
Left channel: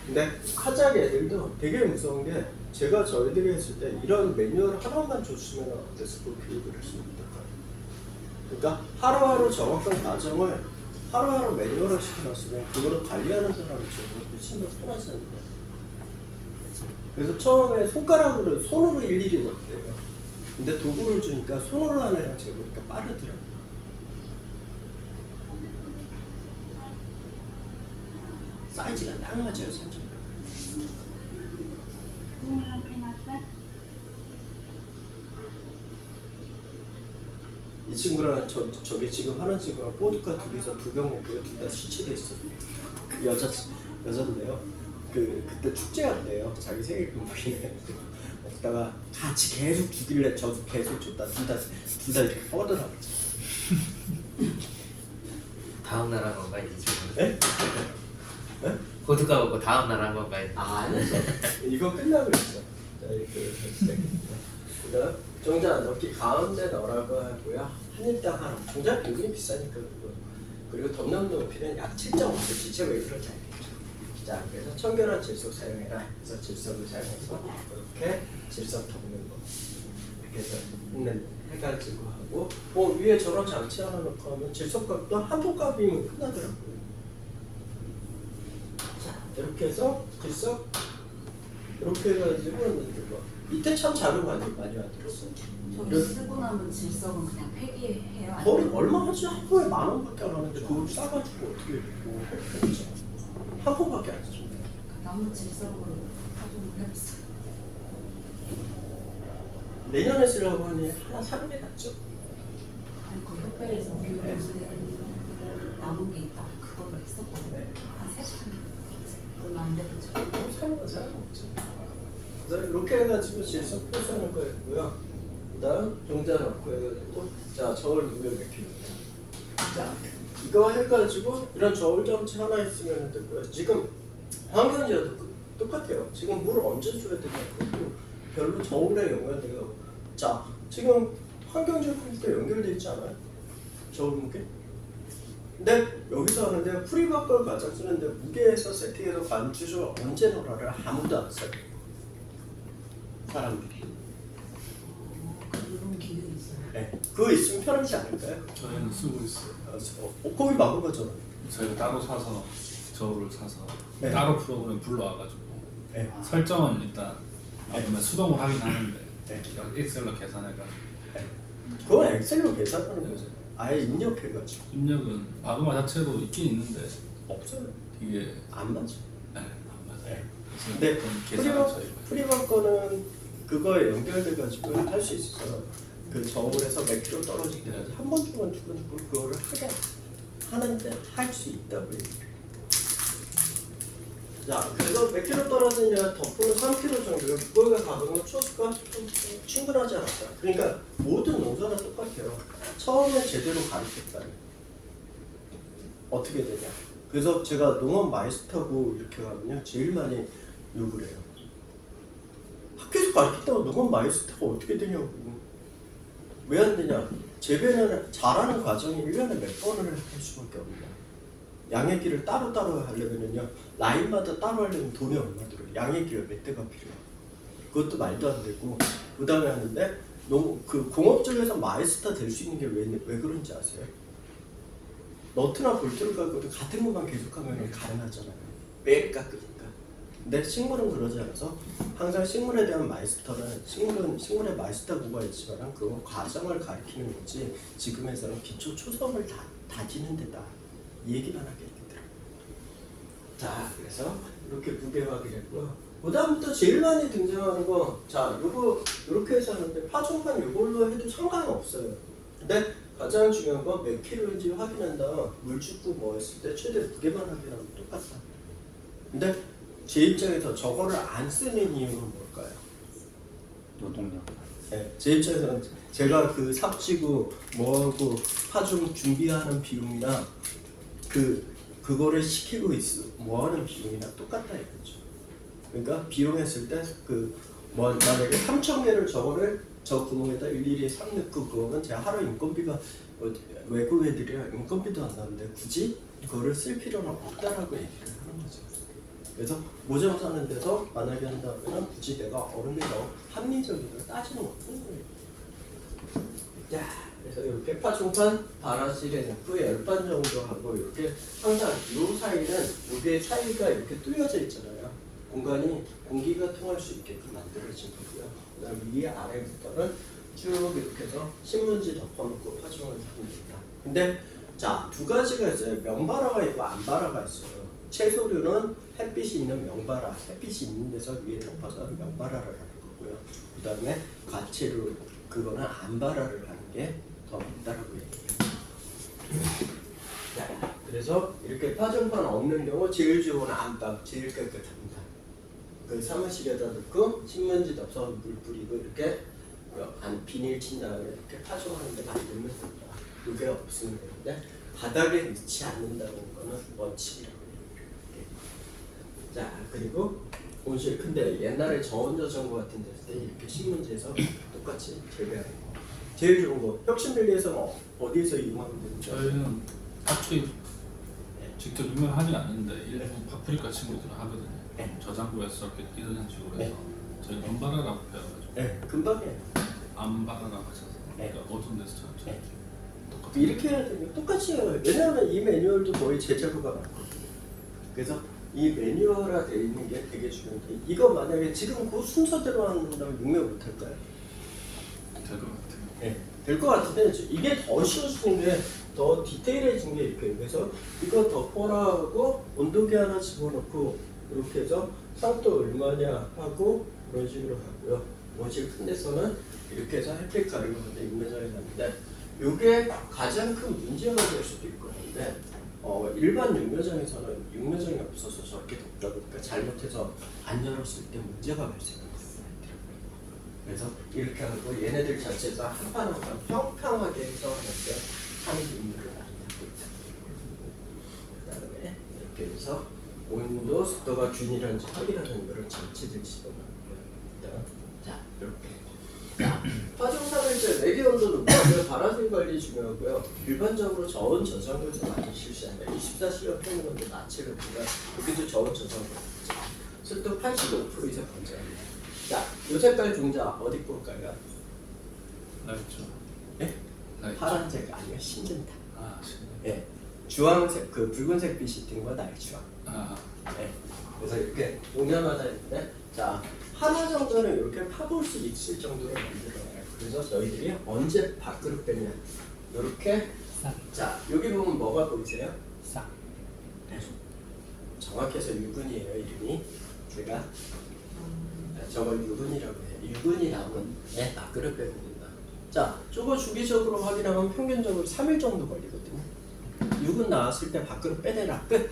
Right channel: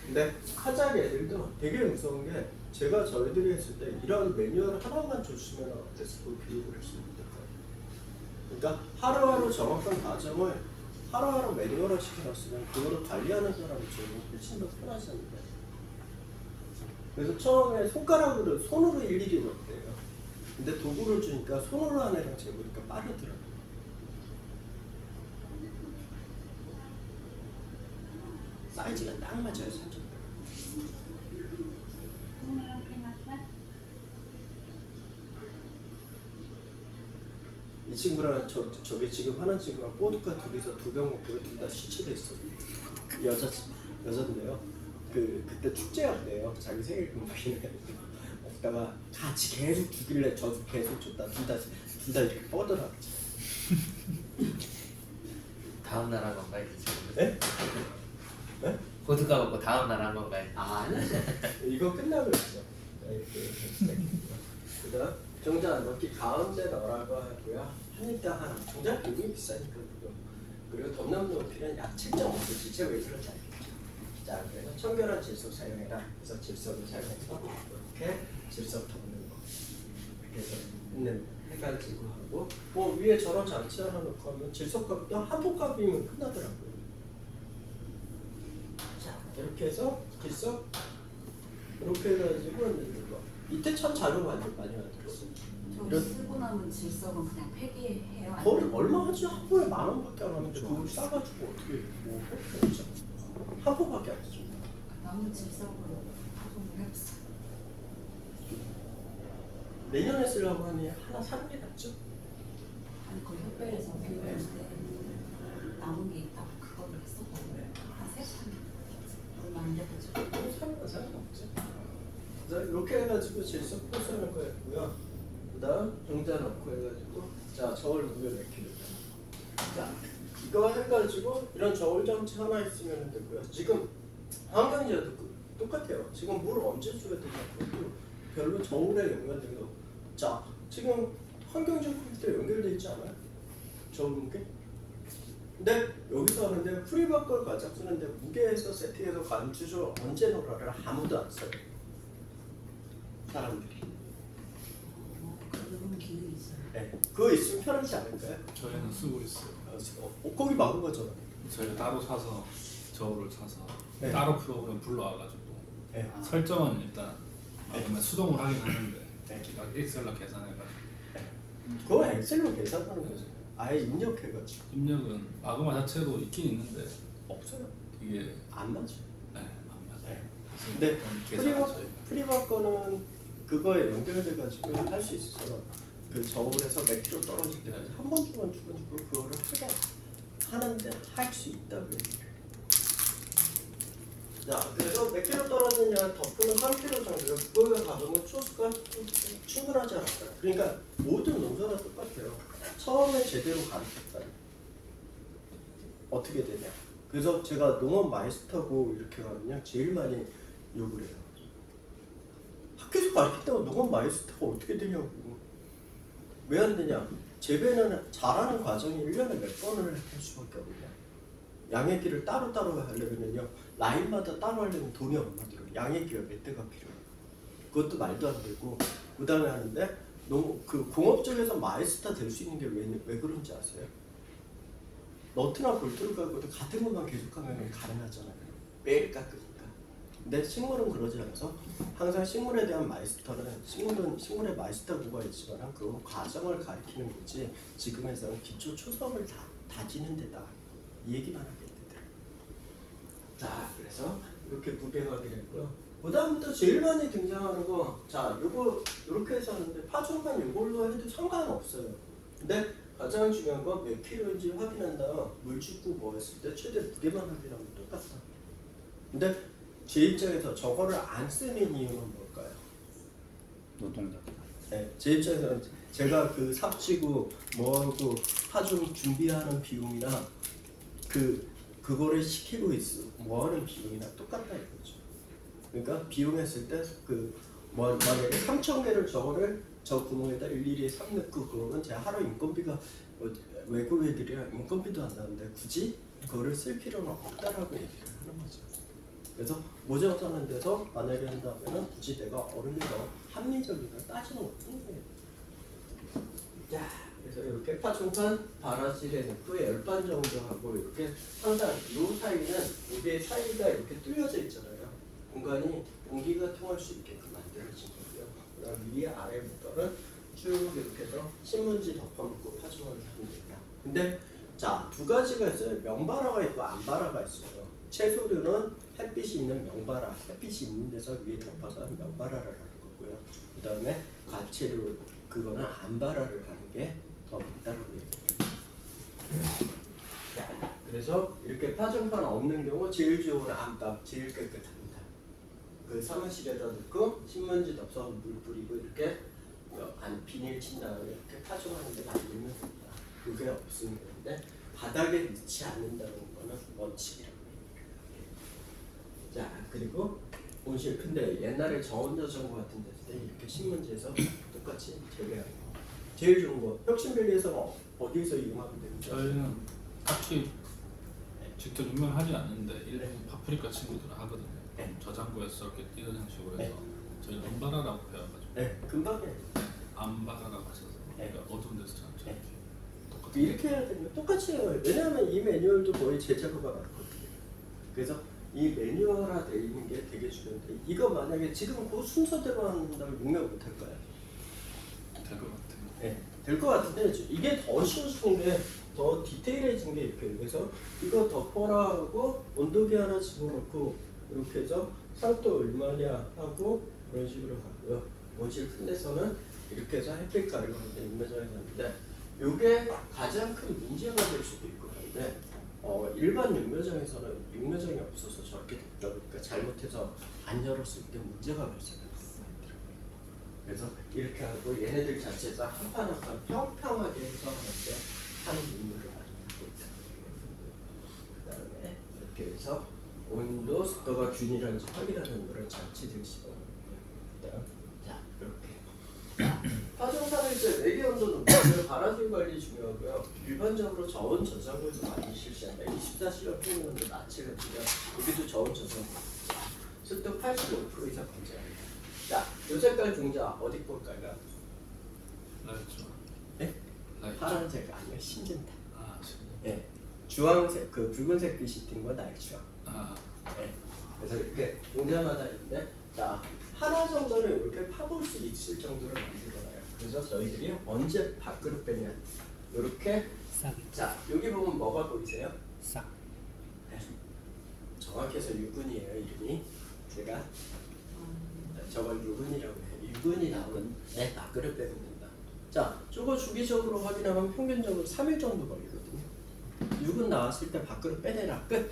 근데 카작 애들도 되게 무서운 게 제가 저희들이 했을 때 이런 매뉴얼 하나만 줬으면 어땠을 거 교육을 했습니다. 그러니까 하루하루 정확한 과정을 하루하루 매뉴얼을 시켜놨으면 그거를 관리하는 사람이 저는 훨씬 더 편하잖아요. 그래서 처음에 손가락으로 손으로 일일이 넣었대요. 근데 도구를 주니까 손으로 하는 애랑 재보니까 빠르더라고요. 사이즈가 딱 맞아요, 사실. 이 친구랑 저기 지금 하는 친구랑 보드카 둘이서 두 병 먹고요. 둘 다 시치돼 있어요. 여자인데요. 그때 축제한대요. 자기 생일 금방이네. 먹다가 같이 계속 주길래 저도 계속 줬다. 둘 다 이렇게 뻗으라고. 다음 날 한 건가 이제 지금? 에? 보드카 먹고 다음 날 한 건가? 아니요. 이거 끝나고 있어. 자, 이렇게 시작했습니다. 그다음 종자 넣기 가운데 넣으라고 하고요. 한 일당 하나. 종자 굉장히 비싸니까 그리고 덮는 높이는 약 7.5cm. 제 웨이트를 잘 겠죠. 자, 그래서 청결한 질소 사용해라. 그래서 질소를 사용해서 이렇게 질소 덮는 거. 이렇게 해서 해가지고 하고 위에 저런 장치 하나 넣고 하면 질소값도 한 포값이면 끝나더라고요. 자, 이렇게 해서 질소 이렇게 해가지고 이때 참 자료 많이 만들었어요. 저기 쓰고 남은 질석은 그냥 폐기해요? 거의 얼마 하지? 한 번에 10,000원밖에 안 하는데 그걸 싸가지고 어떻게 한 번밖에 안 쓰죠. 남은 질석은 파종을 해봤어요. 내년에 쓰려고 하니 하나 사는 게 낫죠. 아니 그 협회에서 교육을 남은 게 있다고 그거를 했었거든요. 한 3시간 얼마 안 됐죠. 사는 거 상관없죠. 그래서 이렇게 해가지고 질소 표시하는 거 있고요. 그다음 종자 넣고 해가지고 자 저울 넣으면 몇 킬로예요. 자 이거 해가지고 이런 저울 장치 하나 있으면 되고요. 지금 환경지와도 똑같아요. 지금 물을 언제 줘야 되냐고 별로 저울에 연결돼요. 자 지금 환경지 컴퓨터 연결돼 있지 않아요? 저울 무게? 근데 여기서 하는데 프리바걸 가장 쓰는데 무게에서 세팅해서 관주소 언제 넣으라를 아무도 안 써요. 사람들이. 그런 기능이 있어요. 네. 그거 있으면 편하지 않을까요? 저희는 쓰고 있어요. 거기 막아보죠. 저희가 따로 사서 저울을 사서 네. 따로 프로그램 불러와가지고 네. 설정은 일단 그러면 수동으로 하긴 하는데 네. 엑셀로 계산해가지고 그건 엑셀로 계산하는 거죠. 아예 입력해가지고. 입력은 바그마 자체도 있긴 있는데 없어요. 이게 안 맞죠. 안 맞아요. 네. 그래서 근데 그건 계산은 저희가 프리바 거는 그거에 연결돼가지고 할 수 있어서 그 저울에서 몇 킬로 떨어질 때까지 한 번 동안 두고두고 그거를 하게 하는데 할 수 있다고 얘기해요. 자, 그래서 몇 킬로 떨어지냐 덮고는 3킬로 정도 그거가 가보면 초수가 좀 충분하지 않을까. 그러니까 모든 농사가 똑같아요. 처음에 제대로 가르쳤다. 어떻게 되냐. 그래서 제가 농업 마이스터고 이렇게 하면요 제일 많이 욕을 해요. 학교에서 가르쳤다고 농업 마이스터가 어떻게 되냐고. 왜 안 되냐. 재배는 잘하는 과정이 1년에 몇 번을 할 수밖에 없네요. 양액기를 따로따로 하려면요 라인마다 따로 하려면 돈이 얼마 들어요. 양액기가 몇 대가 필요해요. 그것도 말도 안 되고 그 다음에 하는데 너무 그 공업 쪽에서 마이스터 될 수 있는 게 왜 그런지 아세요? 너트나 볼트를 갖고도 같은 것만 계속하면 가능하잖아요. 매일 깎으니까. 근데 식물은 그러지 않아서 항상 식물에 대한 마이스터는 식물의 마이스터구가 있지만 그 과정을 가리키는 거지 지금에서는 기초 초성을 다지는 데다 이 얘기만 하겠는데. 자 그래서 이렇게 무게하게 됐고요. 그 다음부터 제일 많이 등장하는 거, 자 요거 이렇게 해서 하는데 파종만 요걸로 해도 상관없어요. 근데 가장 중요한 건 몇 킬로인지 확인한 다음 물 줍고 뭐 했을 때 최대 무게만 확인하면 똑같아. 근데 제 입장에서 저거를 안 쓰는 이유는 뭘까요? 노동력. 네, 제 입장에서는 제가 그 삽지고 뭐하고 파종 준비하는 비용이나 그거를 시키고 있어 뭐하는 비용이나 똑같다 이거죠. 그러니까 비용했을 때 만약에 3,000개를 저거를 저 구멍에다 일일이 삽 넣고 그거는 제가 하루 인건비가 외국 애들이랑 인건비도 안 나오는데 굳이 그거를 쓸 필요는 없다라고 얘기를 하는 거죠. 그래서 모종 사는 데서 만약에 한다면 굳이 내가 얼음이 너무 합리적이고 따지는 없는 거예요. 자, 그래서 이렇게 파종판 바라실에 넣고 10반 정도 하고 이렇게 항상 이 사이는 여기 사이가 이렇게 뚫려져 있잖아요. 공간이 공기가 통할 수 있게끔 만들어진 거고요. 그다음 위에 아래부터는 쭉 이렇게 해서 신문지 덮어놓고 파종을 합니다. 근데 자, 두 가지가 있어요. 명바라가 있고 암바라가 있어요. 채소류는 햇빛이 있는 명바라, 햇빛이 있는 데서 위에 덮어서 명바라를 하는 거고요. 그 다음에 과채류, 그거는 암바라를 하는 게 더 맞다라고 얘기해요. 자, 그래서 이렇게 파종판 없는 경우 제일 좋은 암바, 제일 깨끗합니다. 그 사무실에다 넣고 신문지 덮어서 물 뿌리고 이렇게 안 비닐 친 다음에 이렇게 파종하는데 만들면 됩니다. 그게 없으면 되는데 바닥에 넣지 않는다는 거는 원칙이라고 얘기해요. 자, 그리고 온실 근데 옛날에 저온저장고 같은 데서 때 이렇게 신문지에서 똑같이 재배하는 거 제일 좋은 거 혁신밸리에서 어디서 이용하면 되는지 저희는 딱히 직접 유명하지 않는데 일부 파프리카 친구들은 하거든요. 저장고에서 이렇게 이런 식으로 해서 저희 엄바라라고 배워가지고 네, 금방이에요. 암바라라고 하셔서 네. 그러니까 어떤 데서 참 네. 똑같은 이렇게 해야 되면 똑같이 해요. 왜냐하면 이 매뉴얼도 거의 제자료가 많거든요. 그래서 이 매뉴얼화 되어 있는 게 되게 중요한데 이거 만약에 지금 그 순서대로 한다면 육명 못할까요? 될것 같아요. 네, 될 것 같은데 이게 더 쉬워지는 게 더 디테일해진 게 이렇게 그래서 이거 덮어라고 온도계 하나 집어넣고 이렇게 해서 상도 얼마냐 하고 이런 식으로 하고요. 원실 큰 데서는 이렇게 해서 햇빛 가리고 하는데 육면장에 놨는데 이게 가장 큰 문제가 될 수도 있거든요. 일반 육면장에서는 육면장이 없어서 저렇게 덮다 보니까 잘못해서 안 열었을 때 문제가 발생합니다. 그래서 이렇게 하고 얘네들 자체가 한 판 한 판 평평하게 해서 하는데 하는 임무를 하고 있다. 그 다음에 이렇게 해서 온도, 습도가 균일한지 확인하는 거를 장치들 집어넣고요. 자, 이렇게. 파종상을 때 외계 온도 높아서 발화된 관리 중요하고요. 일반적으로 저온 저장고에서 많이 실시합니다. 24시간 평균온도 낮추거든요. 여기도 저온 저장고. 습도 85% 이상 검증합니다. 자, 요 색깔 종자 어디 볼까요? 라이트. 예? 라이트. 파란색 아니면 신진다. 아, 신기해. 예. 주황색, 그 붉은색 빛이 띈 거 날주황. 아, 예. 그래서 이렇게 오냐마다 있는데, 자, 하나 정도는 이렇게 파볼 수 있을 정도로 만들어요. 그래서 저희들이 언제 밖으로 빼냐. 이렇게. 자, 여기 보면 뭐가 보이세요? 싹. 네. 정확해서 유근이에요, 이름이. 제가 저걸 유근이라고 해요. 유근이 나오면 네, 밖으로 빼면 된다. 자, 저거 주기적으로 확인하면 평균적으로 3일 정도 걸리거든요. 유근 나왔을 때 밖으로 빼내라 끝.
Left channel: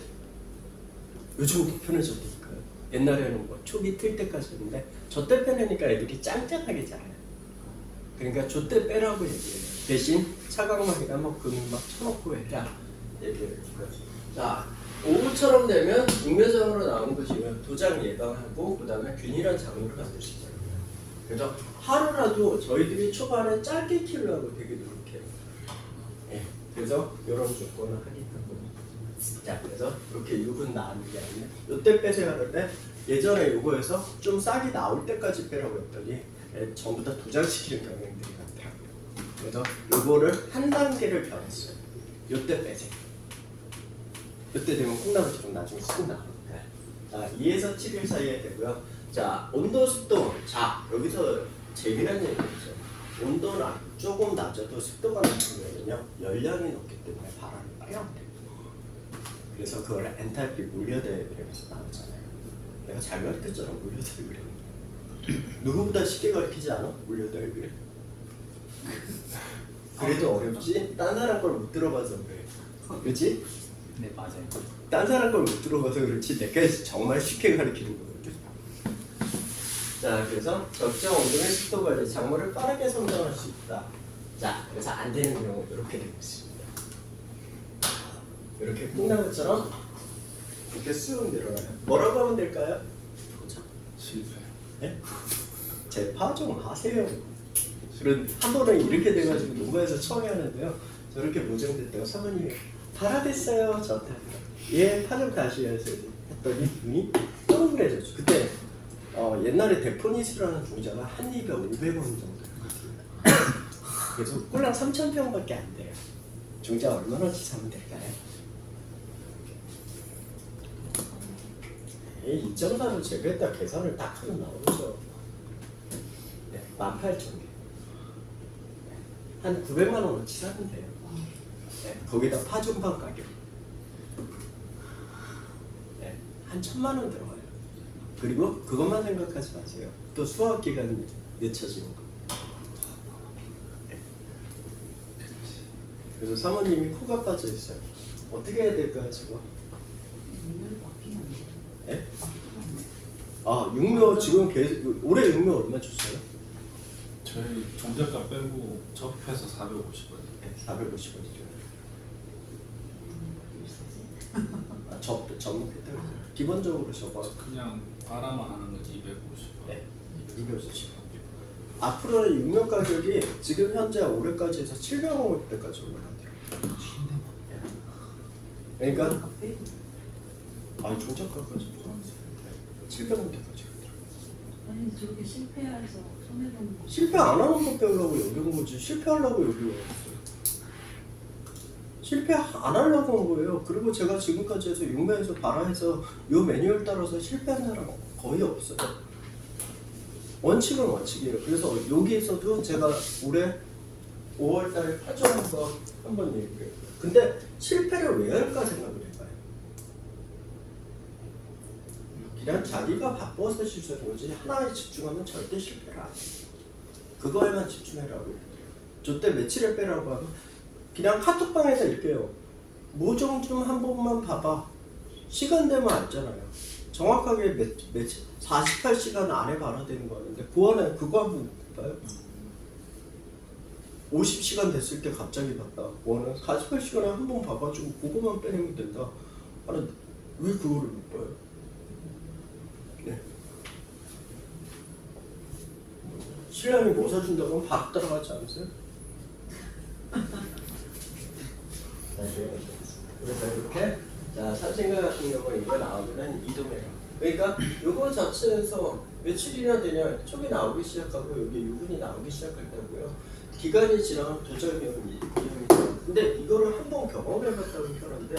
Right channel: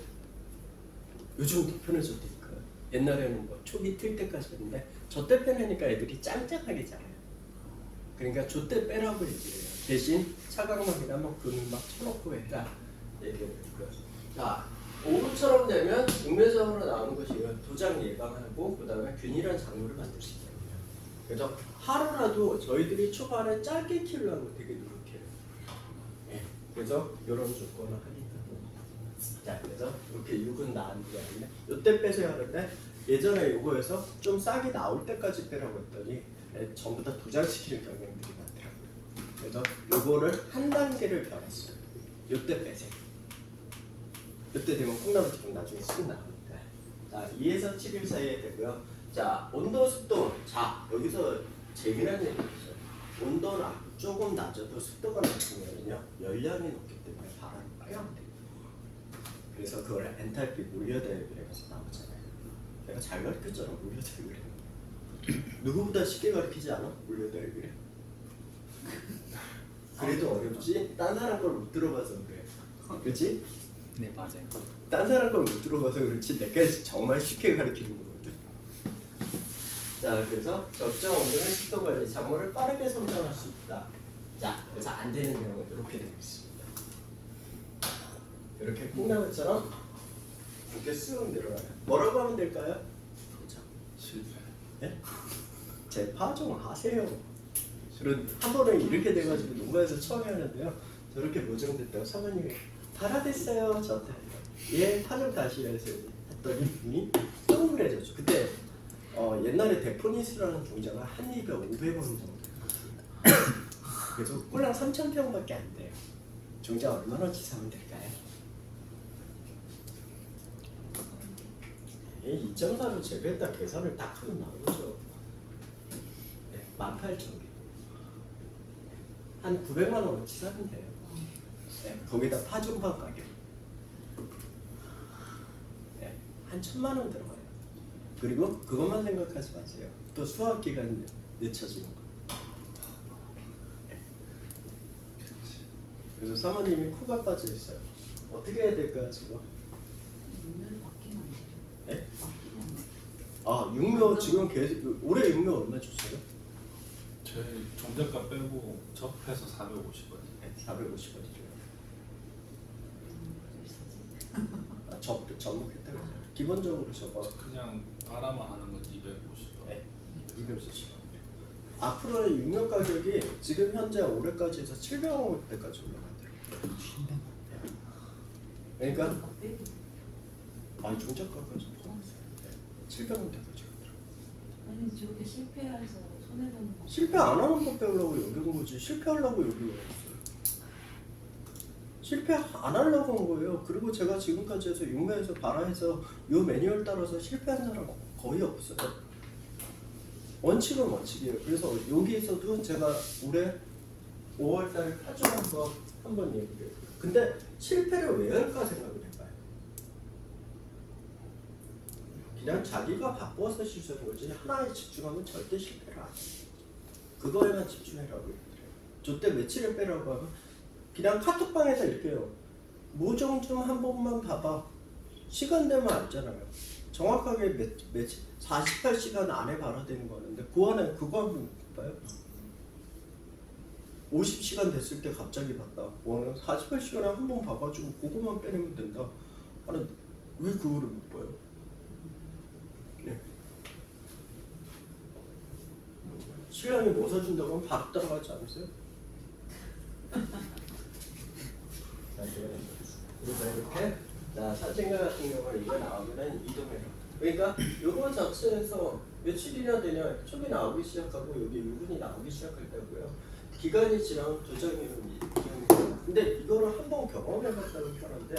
요즘도 편해져도 있고요. 옛날에는 뭐 초기 틀 때까지 있는데 저때 빼내니까 애들이 짱짱하게 자라요. 그러니까 저때 빼라고 얘기해요. 대신 차각막이나 뭐 금막 쳐놓고 해라 얘기를 했고요. 자, 오후처럼 되면 육면장으로 나오는 것이면 도장 예방하고 그 다음에 균일한 작물을 만들 수 있어요. 그래서 하루라도 저희들이 초반에 짧게 키우려고 되게 노력해요. 예, 그래서 이런 조건을 하겠다고. 자, 그래서 이렇게 육은 나는 게 아니라 이때 빼세요 하는데 예전에 요거에서 좀 싹이 나올 때까지 빼라고 했더니 전부 다 도장시키는 경향들이 많더라고요. 그래서 요거를 한 단계를 변했어요. 요때 빼세요. 이때 되면 콩나물처럼 나중에 쑥 나옵니다. 자, 2에서 7일 사이에 되고요. 자, 온도, 습도. 자, 여기서 재미난 얘기가 있어요. 온도는 조금 낮아도 습도가 높으면요 열량이 높기 때문에 바람이 빨리 나옵니다. 그래서 그걸 엔탈피 몰려대그래서 나오잖아요. 내가 잘 가르쳤잖아, 몰려대그래. 누구보다 쉽게 가르치지 않아? 몰려대그래. 그래도 어렵지? 딴 사람 걸 못 들어봐서 그래. 그치? 네, 맞아요. 딴 사람 걸 못 들어봐서 그렇지 내가 정말 쉽게 가르치는 거거든. 자, 그래서 적정 온도의 습도 관리, 작물을 빠르게 성장할 수 있다. 자, 그래서 안 되는 경우 이렇게 되고 있습니다. 이렇게 콩나물처럼 이렇게 쑥 내려가요. 뭐라고 하면 될까요? 도장. 실패. 네? 제 파종 하세요. 저는 한 번은 이렇게 돼가지고 농가에서 처음에 하는데요. 저렇게 모정됐다고 사모님이 발화됐어요. 저한테. 예, 파종 다시 해야지. 했더니 눈이 동그래졌죠. 그때 옛날에 데포니스라는 종자가 한 입에 500원 정도. 그래서 꼴랑 3,000평밖에 안 돼요. 종자 얼마나치 사면 될까요? 2.4로 재배했다 계산을 딱 하면 나오죠. 네, 18,000개. 한 900만 원어치 사면 돼요. 네, 거기다 파종판 가격. 네, 한 1000만 원 들어가요. 그리고 그것만 생각하지 마세요. 또 수확 기간 늦춰지는 거. 네. 그래서 사모님이 코가 빠져 있어요. 어떻게 해야 될까요, 지금? 육면 맡기면 안 돼. 네? 맡기면 안 돼. 아, 육묘 지금 계속 올해 육묘 얼마 줬어요? 저희 종잣값 빼고 접해서 450원. 네, 450원이죠. 비싸지? 아, 접목했대요. 기본적으로 저거 그냥 바라만 하는 건 250원. 네, 250원. 앞으로는 육묘 가격이 지금 현재 올해까지 해서 700원대까지 올라간대요. 그러니까 아까 빼고. 아니 종잣값까지 700원대까지. 아니 저렇게 실패해서 손해보는 거. 실패 안 하는 거 빼려고 여기 온 거지. 실패하려고 여기 왔어요. 실패 안 하려고 온 거예요. 그리고 제가 지금까지 해서 육매에서 발화해서 요 매뉴얼 따라서 실패한 사람 거의 없어요. 원칙은 원칙이에요. 그래서 여기에서도 제가 올해 5월달에 파종한 거 한번 얘기해요. 근데 실패를 왜 할까 생각을 해봐요. 그냥 자기가 바빠서 실수하는 거지 하나에 집중하면 절대 실패를 안 해요. 그거에만 집중해라고. 저때 며칠에 빼라고 하면 그냥 카톡방에서 이렇게요. 모종 좀 한 번만 봐봐. 시간 되면 알잖아요. 정확하게 며칠 48시간 안에 발화되는 거는데 보안에 그거 한번 봐요. 50시간 됐을 때 갑자기 봤다. 보안은 48시간에 한 번 봐가지고 그거만 빼내면 된다. 아니 왜 그거를 못 봐요? 네. 신랑이 뭐 사준다고 하면 밥 따라가지 않으세요? 그래서 이렇게 자 사진 같은 경우는 이거 나오면은 이동해요. 그러니까 요거 자체에서 며칠이나 되냐 촉이 나오기 시작하고 여기 유분이 나오기 시작할 때고요. 기간이 지나면 도전형이 이분이 돼요. 근데 이거를 한번 경험해봤다는 편인데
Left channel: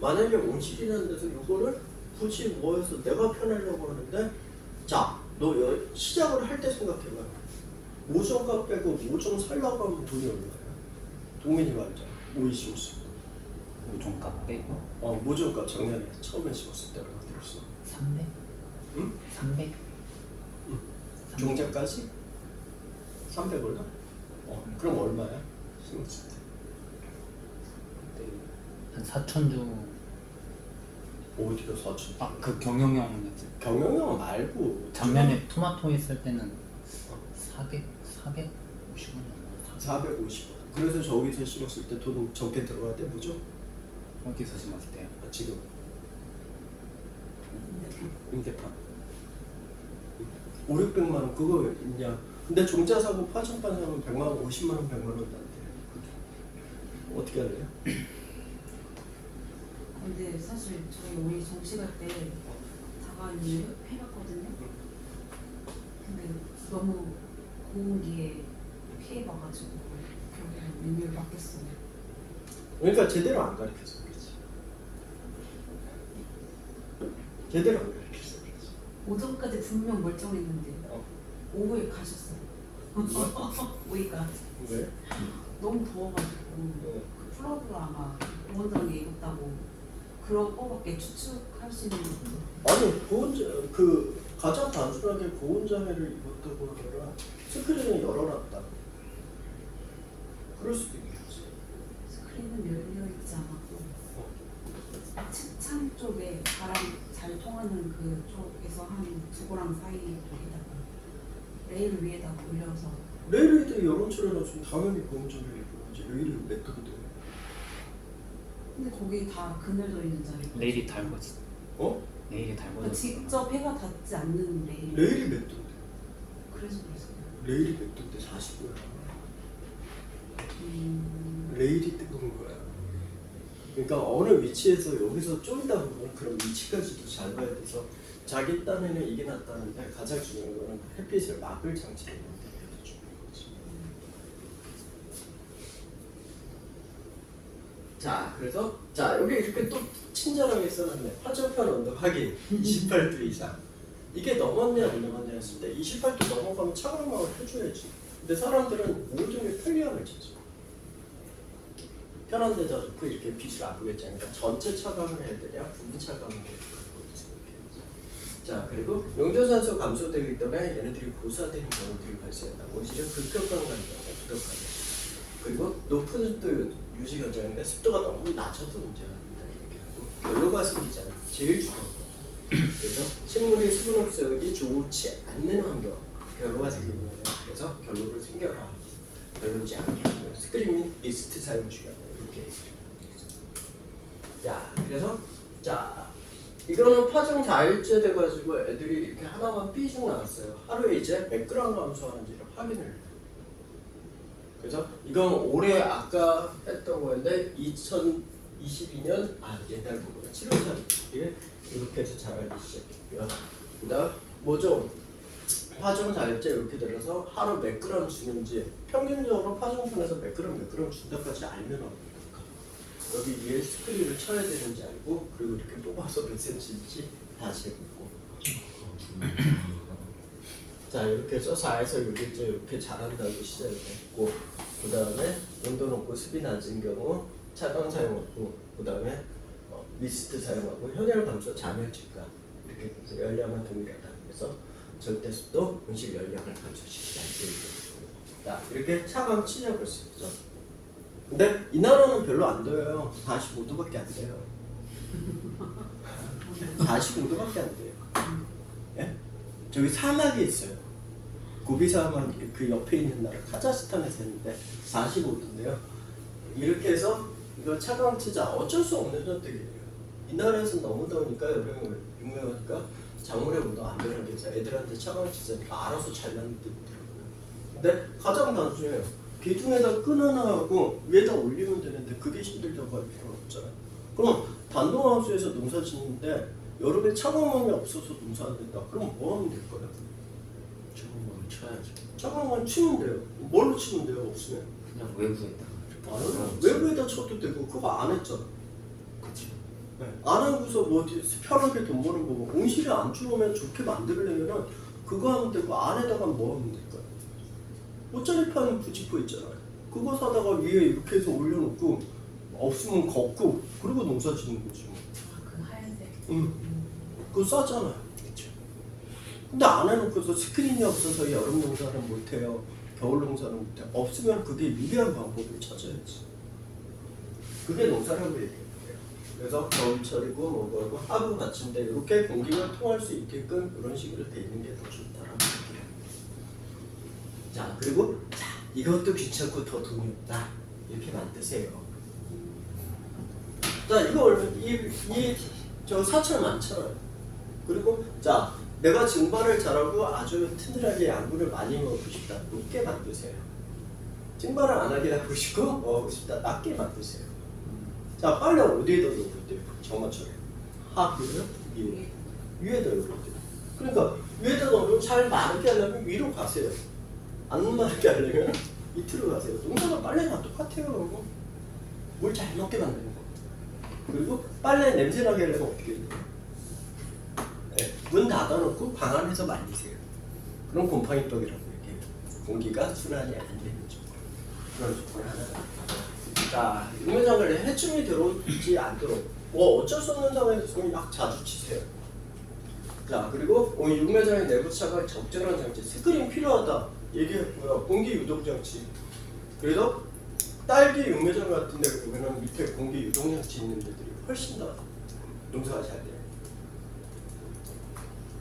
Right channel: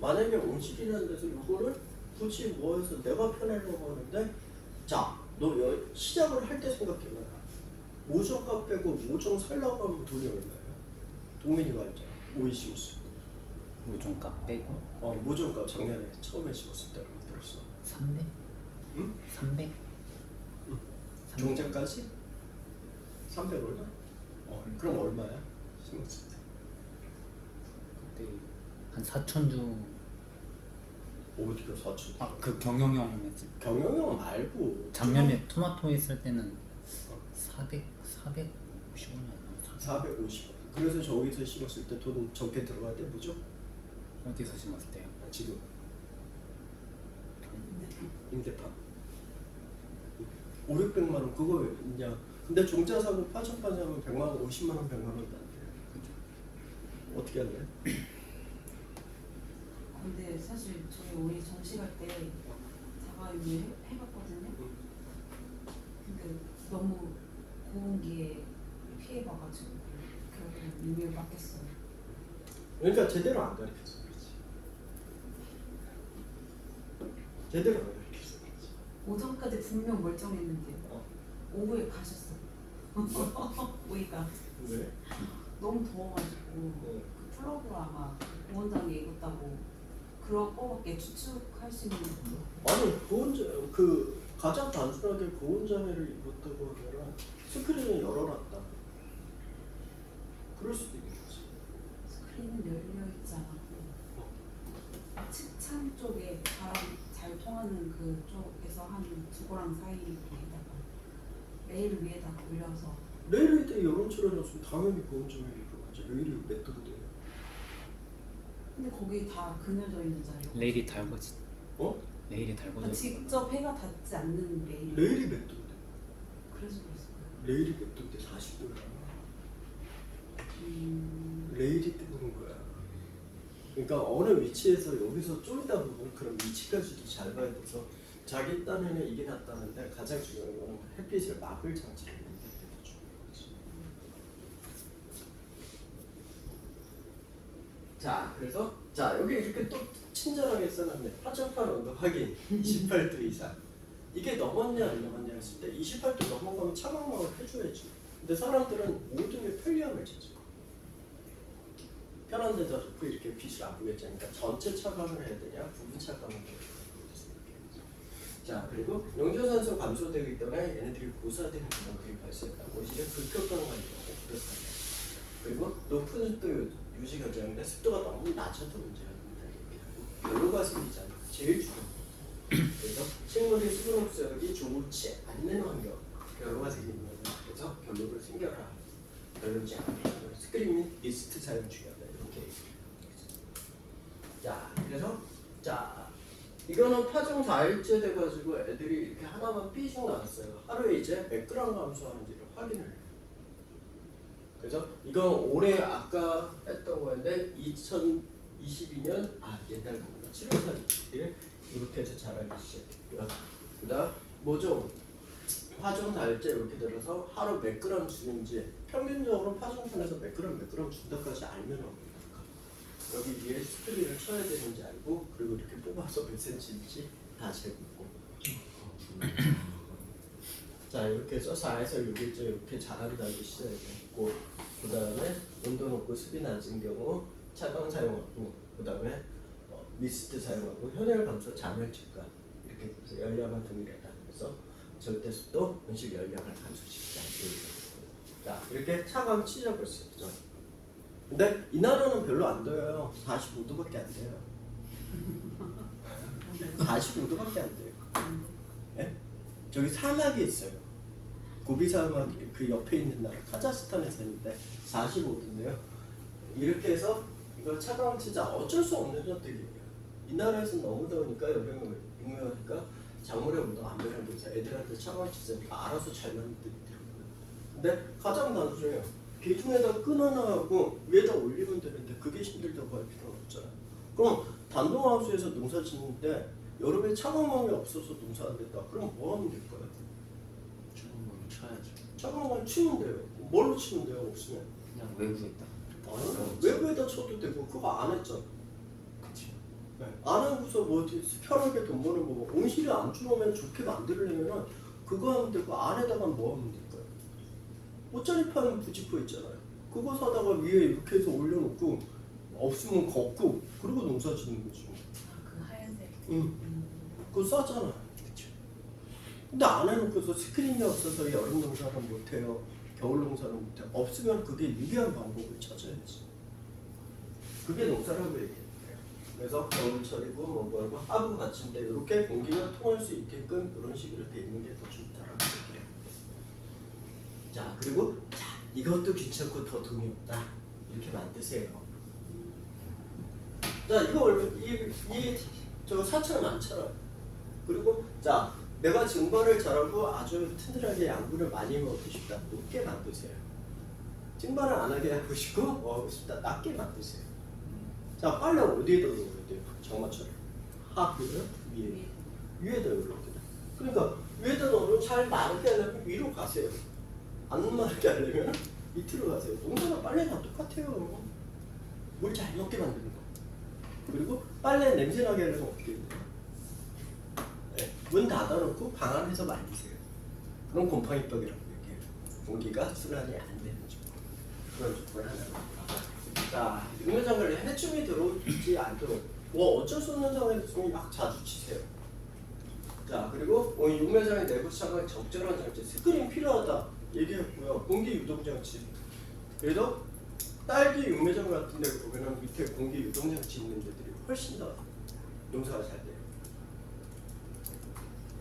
만약에 온실이라는 데서 요거를 굳이 뭐 해서 내가 편하려고 하는데 자 너 시작을 할 때 생각해봐요. 모종값 빼고 모종 살라고 하면 돈이 얼마예요? 동민이 말이죠. 오이심수. 모종값 빼고 모종값 작년에 처음에 심었을 때 얼마 들었어? 300? 응? 300? 종자까지? 300얼마? 그럼 얼마야? 심었을 때. 그때 한 4천 주. 어디가 4천? 그 경영형이었지. 경영형 말고 작년에 토마토 했을 때는 450원이었나? 450원. 그래서 저기서 심었을 때 돈 적게 들어갈 때 뭐죠? 어디서 심었을 때요? 지금 임대판 500~600만 원 그거 있냐? 근데 종자 사고 파종판 사면 100만 원, 50만 원, 100만 원 난대. 어떻게 할래요? 근데 사실 저희 오이 정식할 때 자가인을 해봤거든요. 근데 너무 고온기에 피해봐가지고 결국엔 육을 맡겼어요. 그러니까 제대로 안 가르쳐서 그렇지. 제대로 안 가르쳐서 그렇지. 오전까지 분명 멀쩡했는데 오후에 가셨어요. 오이가 왜? 너무 더워가지고 그 플러그가 아마 보원장이 익었다고 그런 거밖에 추측할 수 있는 거. 아니 그 가장 단순하게 고온장애를 입었다고 하면 스크린을 열어놨다. 그럴 수도 있겠지. 스크린은 열려있지 않았고 측창 쪽에 바람 잘 통하는 그쪽에서 한 두고랑 사이에다가 레일 위에다가 올려서 레일에 여론처럼 놨으면 당연히 고온장애 입어야지. 레일이 몇 톤인데? 근데 거기 다 그늘져 있는 자리고 레일이 달궈지. 어? 레일이 그러니까 달궈져. 직접 해가 닿지 않는 레일. 레일이 몇 톤인데? 그래서 그랬어요. 레일이 몇 톤인데 40도야. 레일이 뜨거운 거야. 그러니까 어느 위치에서 여기서 쫄다 보면 그런 위치까지도 잘 봐야 돼서 자기 딴에는 이게 낫다는데 가장 중요한 거는 햇빛을 막을 장치를 만드는 게 중요한 거지. 자, 그래서 자 여기 이렇게 또 친절하게 써놨네. 파절판 온도 확인 28도 이상. 이게 넘었냐 안 넘었냐 했을 때 28도 넘어가면 차광막을 펴줘야지. 근데 사람들은 모종의 편리함을 찾죠. 편한 데다 놓고 이렇게 빛을 안 보겠지. 그러니까 전체 차광을 해야 되냐, 부분 차광을 해야 되냐. 자, 그리고 용조산소 감소되기 때문에 얘네들이 고사되는 경우들이 발생한다. 오히려 불평감 관계가 부족하다. 그리고 높은 습도 유지 결정인데 습도가 너무 낮아도 문제가 된다. 얘기하고 결로가 생기잖아. 제일 중요한 거. 그래서 식물이 수분 흡수율이 좋지 않는 환경, 결로가 생기는 거예요. 그래서 결로를 생겨라. 결로지 않게 스크린 및 미스트 사용 중요하다. 이렇게. 자, 그래서 자. 이거는 파종 4일째 돼가지고 애들이 이렇게 하나만 삐죽 나왔어요. 하루에 이제 몇 그램 감소하는지를 확인을 해요. 그래서 이건 올해 아까 했던 거였는데 2022년 옛날 거구나. 7월 4일 이렇게 해서 자라기 시작해요. 그다음 모종 파종 4일째 이렇게 들어서 하루 몇 그램 주는지 평균적으로 파종판에서 몇 그램 준다까지 알면 합니다. 여기 위에 스크린을 쳐야 되는지 알고 그리고 이렇게 뽑아서 몇 cm인지 다 재고 자 이렇게 해서 4에서 6일째 이렇게 자란다고 시작을 했고 그 다음에 온도 높고 습이 낮은 경우 차광 사용하고 그 다음에 미스트 사용하고 현열 감소 잔열 증가 이렇게 해서 열량은 동일하다. 그래서 절대 습도 온실 열량을 감소시키자 이렇게 차광 치적을 쓰죠. 근데 이 나라는 별로 안 더워요. 45도밖에 안 돼요. 45도밖에 안 돼요. 예? 저기 사막이 있어요. 고비 사막 그 옆에 있는 나라 카자흐스탄에서 했는데 45도인데요. 이렇게 해서 이거 차광치자 어쩔 수 없는 선택이에요. 이 나라에서 너무 더우니까 여름에 유명하니까 작물에 운동 안 되는 게 애들한테 차광치자니까 알아서 잘 만들더라고요. 근데 가장 단순해요. 기둥에다 끈 하나 하고 위에다 올리면 되는데 그게 힘들다고 할 필요는 없잖아요. 그럼 단독하우스에서 농사 짓는데 여름에 차광망이 없어서 농사 안 된다. 그럼 뭐 하면 될까요? 주문을 쳐야죠. 차광망 치면 돼요. 뭘로 치면 돼요? 없으면. 그냥 외부에다. 아니요. 외부에다 쳐도 되고 그거 안 했잖아. 그치. 네. 안 하고서 뭐 편하게 돈 벌고 온실이 안 죽으면 좋게 만들려면은 그거 하면 되고 안에다가 뭐 하면 될까요? 옷자리판 부직포 있잖아요. 그거 사다가 위에 이렇게 해서 올려놓고 없으면 걷고 그리고 농사 짓는 거지. 그 하얀색. 응. 그거 싸잖아. 그쵸. 근데 안 해놓고서 스크린이 없어서 여름 농사는 못해요. 겨울 농사는 못해요. 없으면 그게 유리한 방법을 찾아야지. 그게 농사라고 얘기해요. 그래서 겨울철이고 뭐고 하부 같은데 이렇게 공기가 통할 수 있게끔 그런 식으로 돼 있는 게 더 좋다라고 얘기해요. 자 그리고 자 이것도 귀찮고 더 돈이 없다 이렇게 만드세요. 자 이거 얼마 이저 4,000원. 그리고 자 내가 증발을 잘하고 아주 튼튼하게 양분을 많이 먹고 싶다. 높게 만드세요. 증발을 안 하게 하고 싶고 먹고 싶다. 낮게 만드세요. 자 빨래 어디에다 넣어야 돼요? 정원처럼 하부요? 위에다 넣어야 돼요. 그러니까 위에다 넣으면 잘 마르게 하려면 위로 가세요. 안 마르게 하려면 밑으로 가세요. 농사가 빨래랑 똑같아요. 물 잘 먹게 만드는 거. 그리고 빨래 냄새 나게 하려면 어떻게 해요? 네, 문 닫아놓고 방 안에서 말리세요. 그럼 곰팡이떡이라고 얘기해요. 공기가 순환이 안 되는 조건. 그런 조건이 하나가. 자, 육면장갑에 해충이 들어오지 않도록 뭐 어쩔 수 없는 상황에서 있으면 약 자주 치세요. 자, 그리고 육면장의 내부 차가 적절한 장치, 스크린 필요하다 얘기했고요. 공기 유동 장치. 그래서 딸기 육면장 같은 데 보면 밑에 공기 유동 장치 있는 데들이 훨씬 더 농사가 잘 돼요.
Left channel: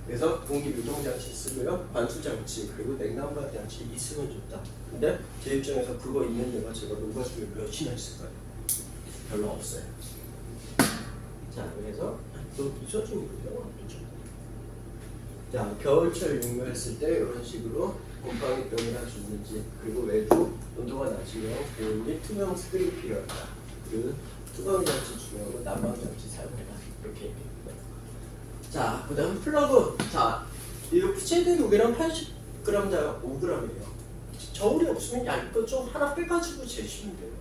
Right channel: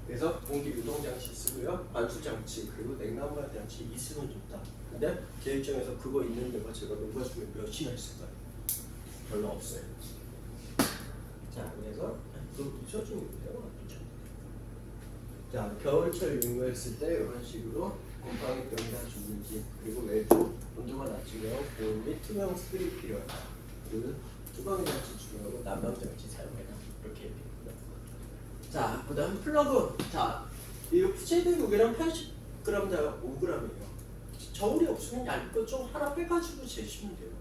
그래서 공기 유동 장치 쓰고요, 관수 장치 그리고 냉난방 장치 있으면 좋다. 근데 제 입장에서 그거 있는 데가 제가 농가 중에 몇이나 있을까요? 별로 없어요. 자, 그래서 또 있어주면 돼요. 자, 겨울철 육묘했을 때 이런 식으로 곰팡이병이나 죽는지 그리고 외부 온도가 낮으면 고온 및 투명 스크린 필요하다. 그리고 투광 장치 중요하고 난방 장치 사용해라. 이렇게 얘기합니다. 자, 그 다음 플러그. 자, 이 최대 무게는 80g당 5g이에요. 저울이 없으면 얇은 좀 하나 빼가지고 재시면 돼요.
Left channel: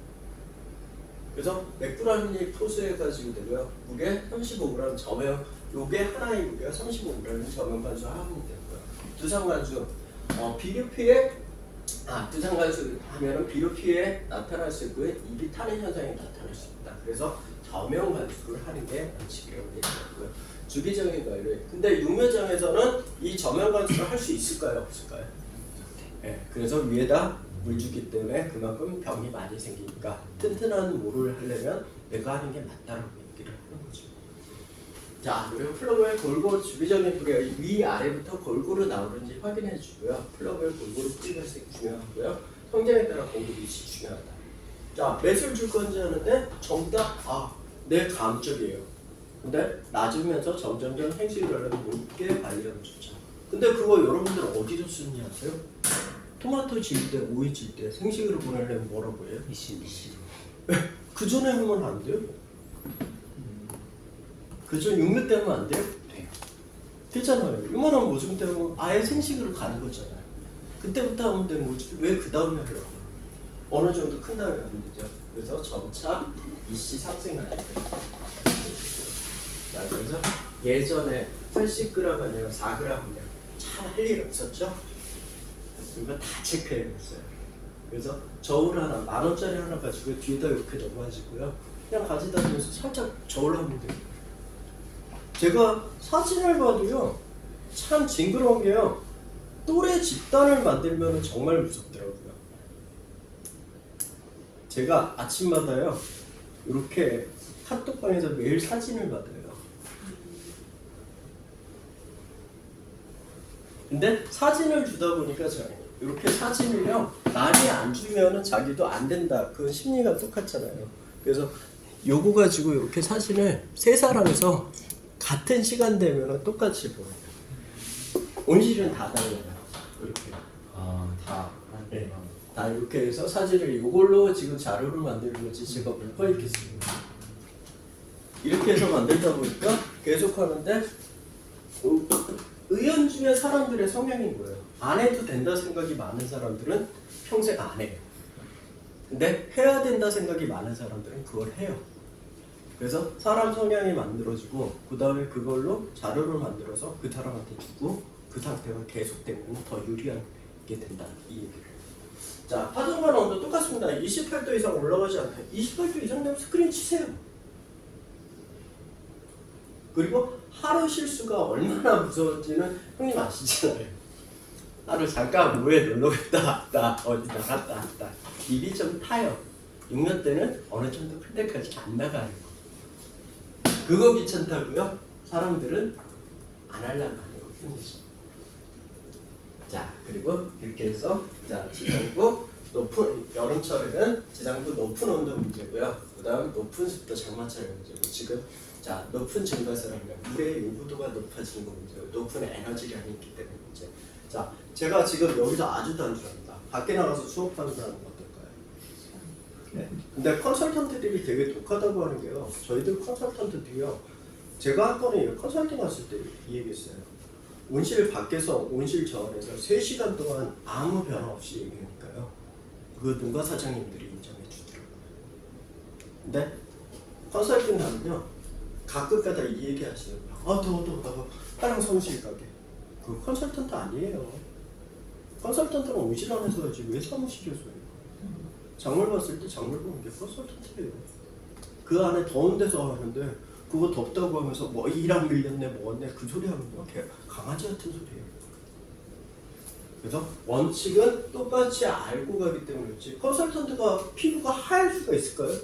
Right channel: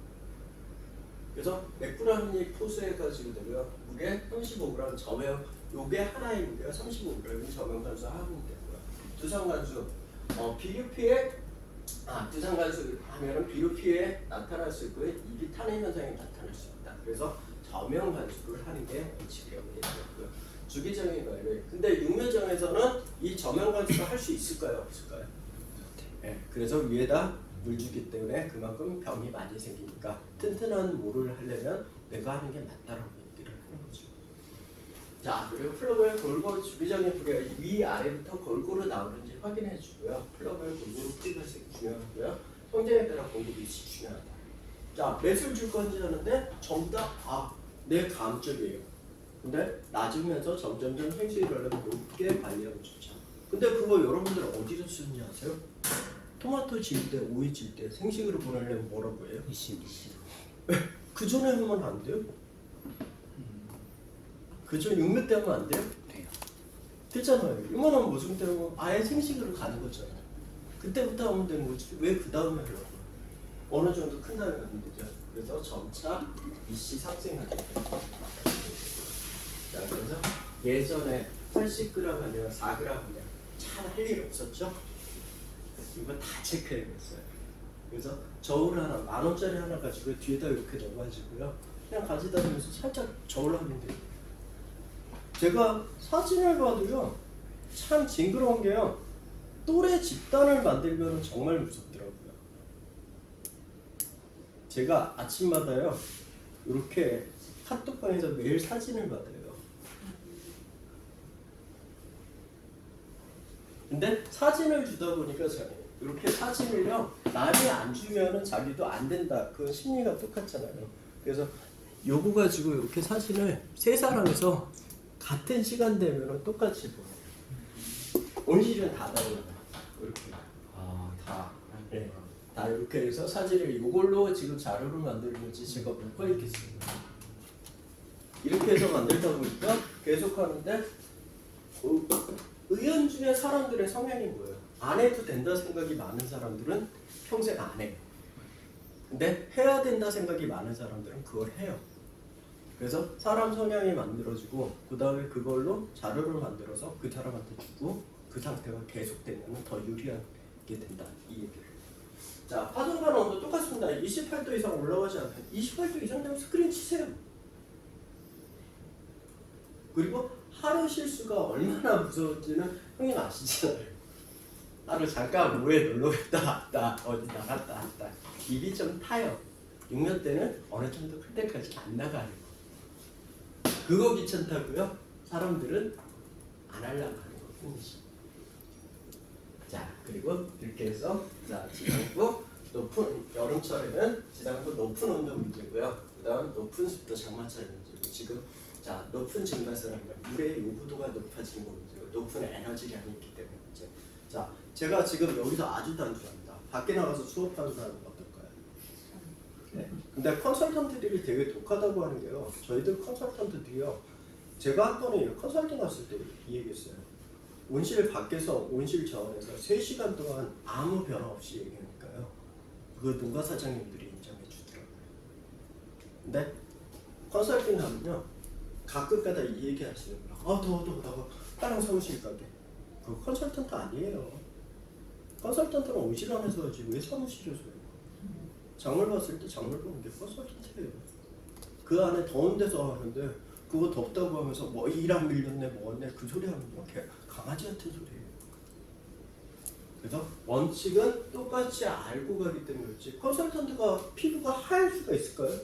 그래서 몇 g인지 포수해가지고 되고요. 무게 35g 저면 요게 하나의 무게가 35g이면 저면 간수 하면 되고요. 두상 간수 비료피에 두상관수 하면은 비루피에 나타날 수 있고 입이 타는 현상이 나타날 수 있다. 그래서 저명 관수를 하는 게 원칙이라고 되어 있고요. 주기적인 관리. 근데 육묘점에서는 이 저명 관수를 할 수 있을까요? 없을까요? 네, 그래서 위에다 물 주기 때문에 그만큼 병이 많이 생기니까 튼튼한 모를 하려면 내가 하는 게 맞다라고 얘기를 하는 거죠. 자, 그리고 플러그의 골고루 주기적인 부리가 위아래부터 골고루 나오는지 확인해 주고요. 플러그의 골고루 뿌리 발색이 중요하고요. 성장에 따라 공급이 중요하다. 자, 몇을 줄 건지 하는데 정답 내 감쪽이에요. 근데 낮으면서 점점점 행식을 높게 관리하고 좋죠. 근데 그거 여러분들 어디서 쓰느냐 아세요? 토마토 질 때, 오이 질 때 생식으로 보내려면 뭐라고 해요? 미신. 그 전에 하면 안 돼요? 그전 육묘 때 하면 안 돼요? 돼요. 되잖아요. 이만한 모종 때문에 아예 생식으로 가는 거잖아요. 그때부터 하면 되는 거지. 왜 그 다음에 해요? 어느 정도 큰 다음에 하면 되죠. 그래서 점차 이씨 상생하게 돼요. 자, 그래서 예전에 80g 아니면 4g이면 잘 할 일 없었죠? 이거 다 체크해냈어요. 그래서 저울 하나, 10,000원짜리 하나 가지고 뒤에다 이렇게 넣어가지고요. 그냥 가지다 대면서 살짝 저울 하면 돼요. 제가 사진을 봐도요, 참 징그러운 게요, 또래 집단을 만들면 정말 무섭더라고요. 제가 아침마다요, 이렇게 카톡방에서 매일 사진을 받아요. 근데 사진을 주다 보니까 저는 이렇게 사진을요, 많이 안 주면은 자기도 안 된다. 그건 심리가 똑같잖아요. 그래서 요거 가지고 이렇게 사진을 세 사람에서 같은 시간 되면은 똑같이 보여요. 온실은 다 달라요. 이렇게. 다. 네. 다 이렇게 해서 사진을 이걸로 지금 자료를 만드는 거지 제가 뭘 꺼있겠습니다. 이렇게 해서 만들다 보니까 계속 하는데 의연중의 사람들의 성향인 거예요. 안 해도 된다 생각이 많은 사람들은 평생 안 해요. 근데 해야 된다 생각이 많은 사람들은 그걸 해요. 그래서 사람 성향이 만들어지고 그 다음에 그걸로 자료를 만들어서 그 사람한테 주고 그 상태가 계속되면 더 유리하게 된다. 이 얘기를. 자, 파동간 온도 똑같습니다. 28도 이상 올라가지 않아요. 28도 이상 되면 스크린 치세요. 그리고 하루 실수가 얼마나 무서운지는 형님 아시잖아요. 하루 잠깐 뭐에 놀러 갔다 왔다 어디 나갔다 왔다 입이 좀 타요. 6년 때는 어느 정도 클 때까지 안 나가는 거. 그거 귀찮다고요? 사람들은 안 하려고 하는 거죠. 자, 그리고 이렇게 해서 자, 지상부 높은 여름철에는 지상부 높은 온도 문제고요. 그 다음 높은 습도 장마철 문제고 지금 자, 높은 증가세라면 물의 요구도가 높아지는 거 문제고 높은 에너지량이 있기 때문에 문제. 자, 제가 지금 여기서 아주 단순합니다. 밖에 나가서 수업하는 사람은 어떨까요? 네. 근데 컨설턴트들이 되게 독하다고 하는 게요. 저희들 컨설턴트들이요. 제가 한 번에 컨설팅 갔을 때 이 얘기했어요. 온실 밖에서 온실 정원에서 3시간 동안 아무 변화 없이 얘기하니까요. 그 농가 사장님들이 인정해 주더라고요. 근데 컨설팅 하면요. 가끔가다 이 얘기 하시는 거예요. 더워. 빨랑 사무실 가게. 그 컨설턴트 아니에요. 컨설턴트는 온실 안에서 하지 왜 사무실에서 해요? 작물 봤을 때 작물 보는 게 컨설턴트예요. 그 안에 더운 데서 하는데 그거 덥다고 하면서 뭐 이랑 밀렸네 뭐었네 그 소리 하면요. 강아지 같은 소리예요. 그래서 원칙은 똑같이 알고 가기 때문이지 컨설턴트가 피부가 하얄 수가 있을까요?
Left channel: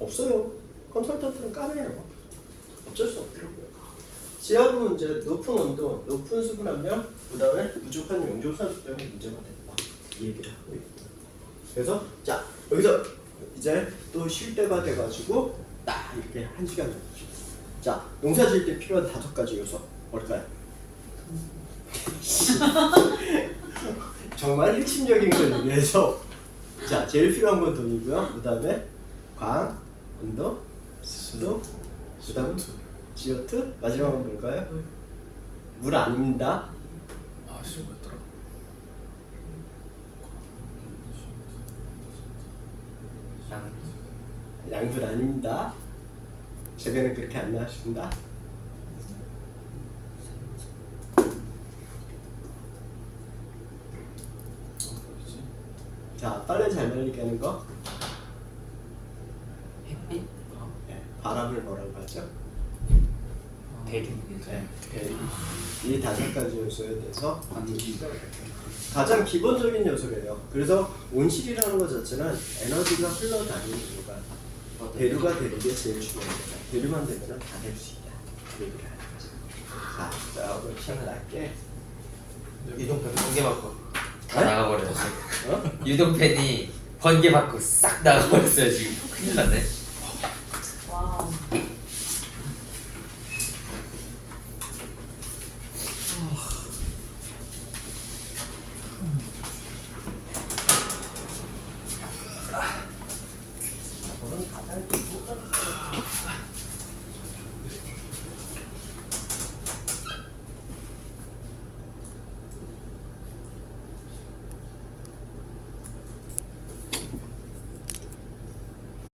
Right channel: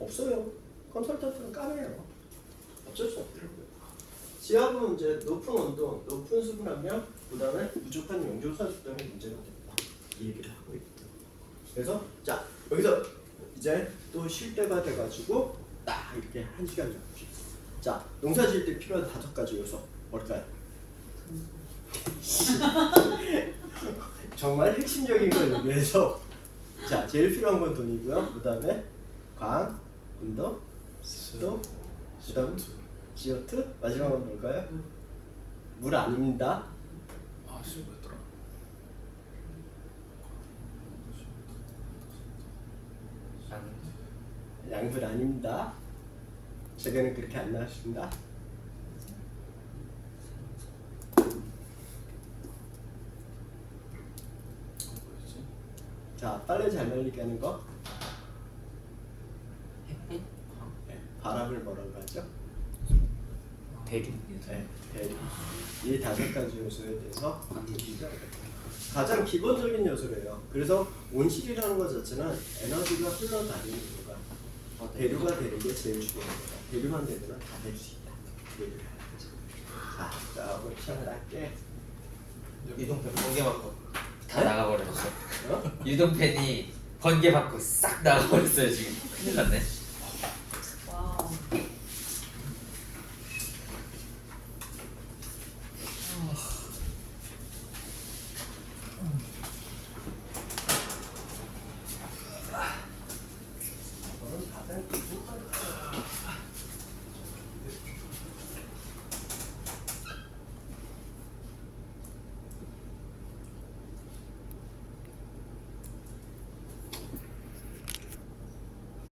없어요. 컨설턴트는 까매요. 어쩔 수 없더라고요. 지하부 문제, 높은 온도, 높은 수분 함량, 그 다음에 부족한 용존산소 때문에 문제가 된다. 이 얘기를 하고 있다. 그래서 자 여기서 이제 또 쉴 때가 돼가지고 딱 이렇게 1시간 정도. 자, 농사 지을 때 필요한 5가지 요소 뭘까요? 정말 핵심적인 걸 얘기해서 자, 제일 필요한 건 돈이고요. 그 다음에 광, 온도, 습도, 그 다음 CO2, 마지막은 뭘까요? 물 아닙니다. 쉬운 거 있더라. 양분 아닙니다. 제가는 그렇게 안 나왔습니다. 자연이 되는 거? 햇빛? 바람을 뭐라고 하죠? 대륙. 네. 이 5가지 요소에 대해서 가장 기본적인 요소래요. 그래서 온실이라는 것 자체는 에너지가 흘러다니는 이유가 대류가 되는 게 제일 중요합니다. 대류만 되면 다 될 수 있다. 그 얘기를 하는 거죠. 자, 오늘 시간을 낮게 유동팬 번개 받고 다 네? 나가버렸어. 어? 유동팬이 번개 받고 싹 나가버렸어요 지금. 큰일 났네.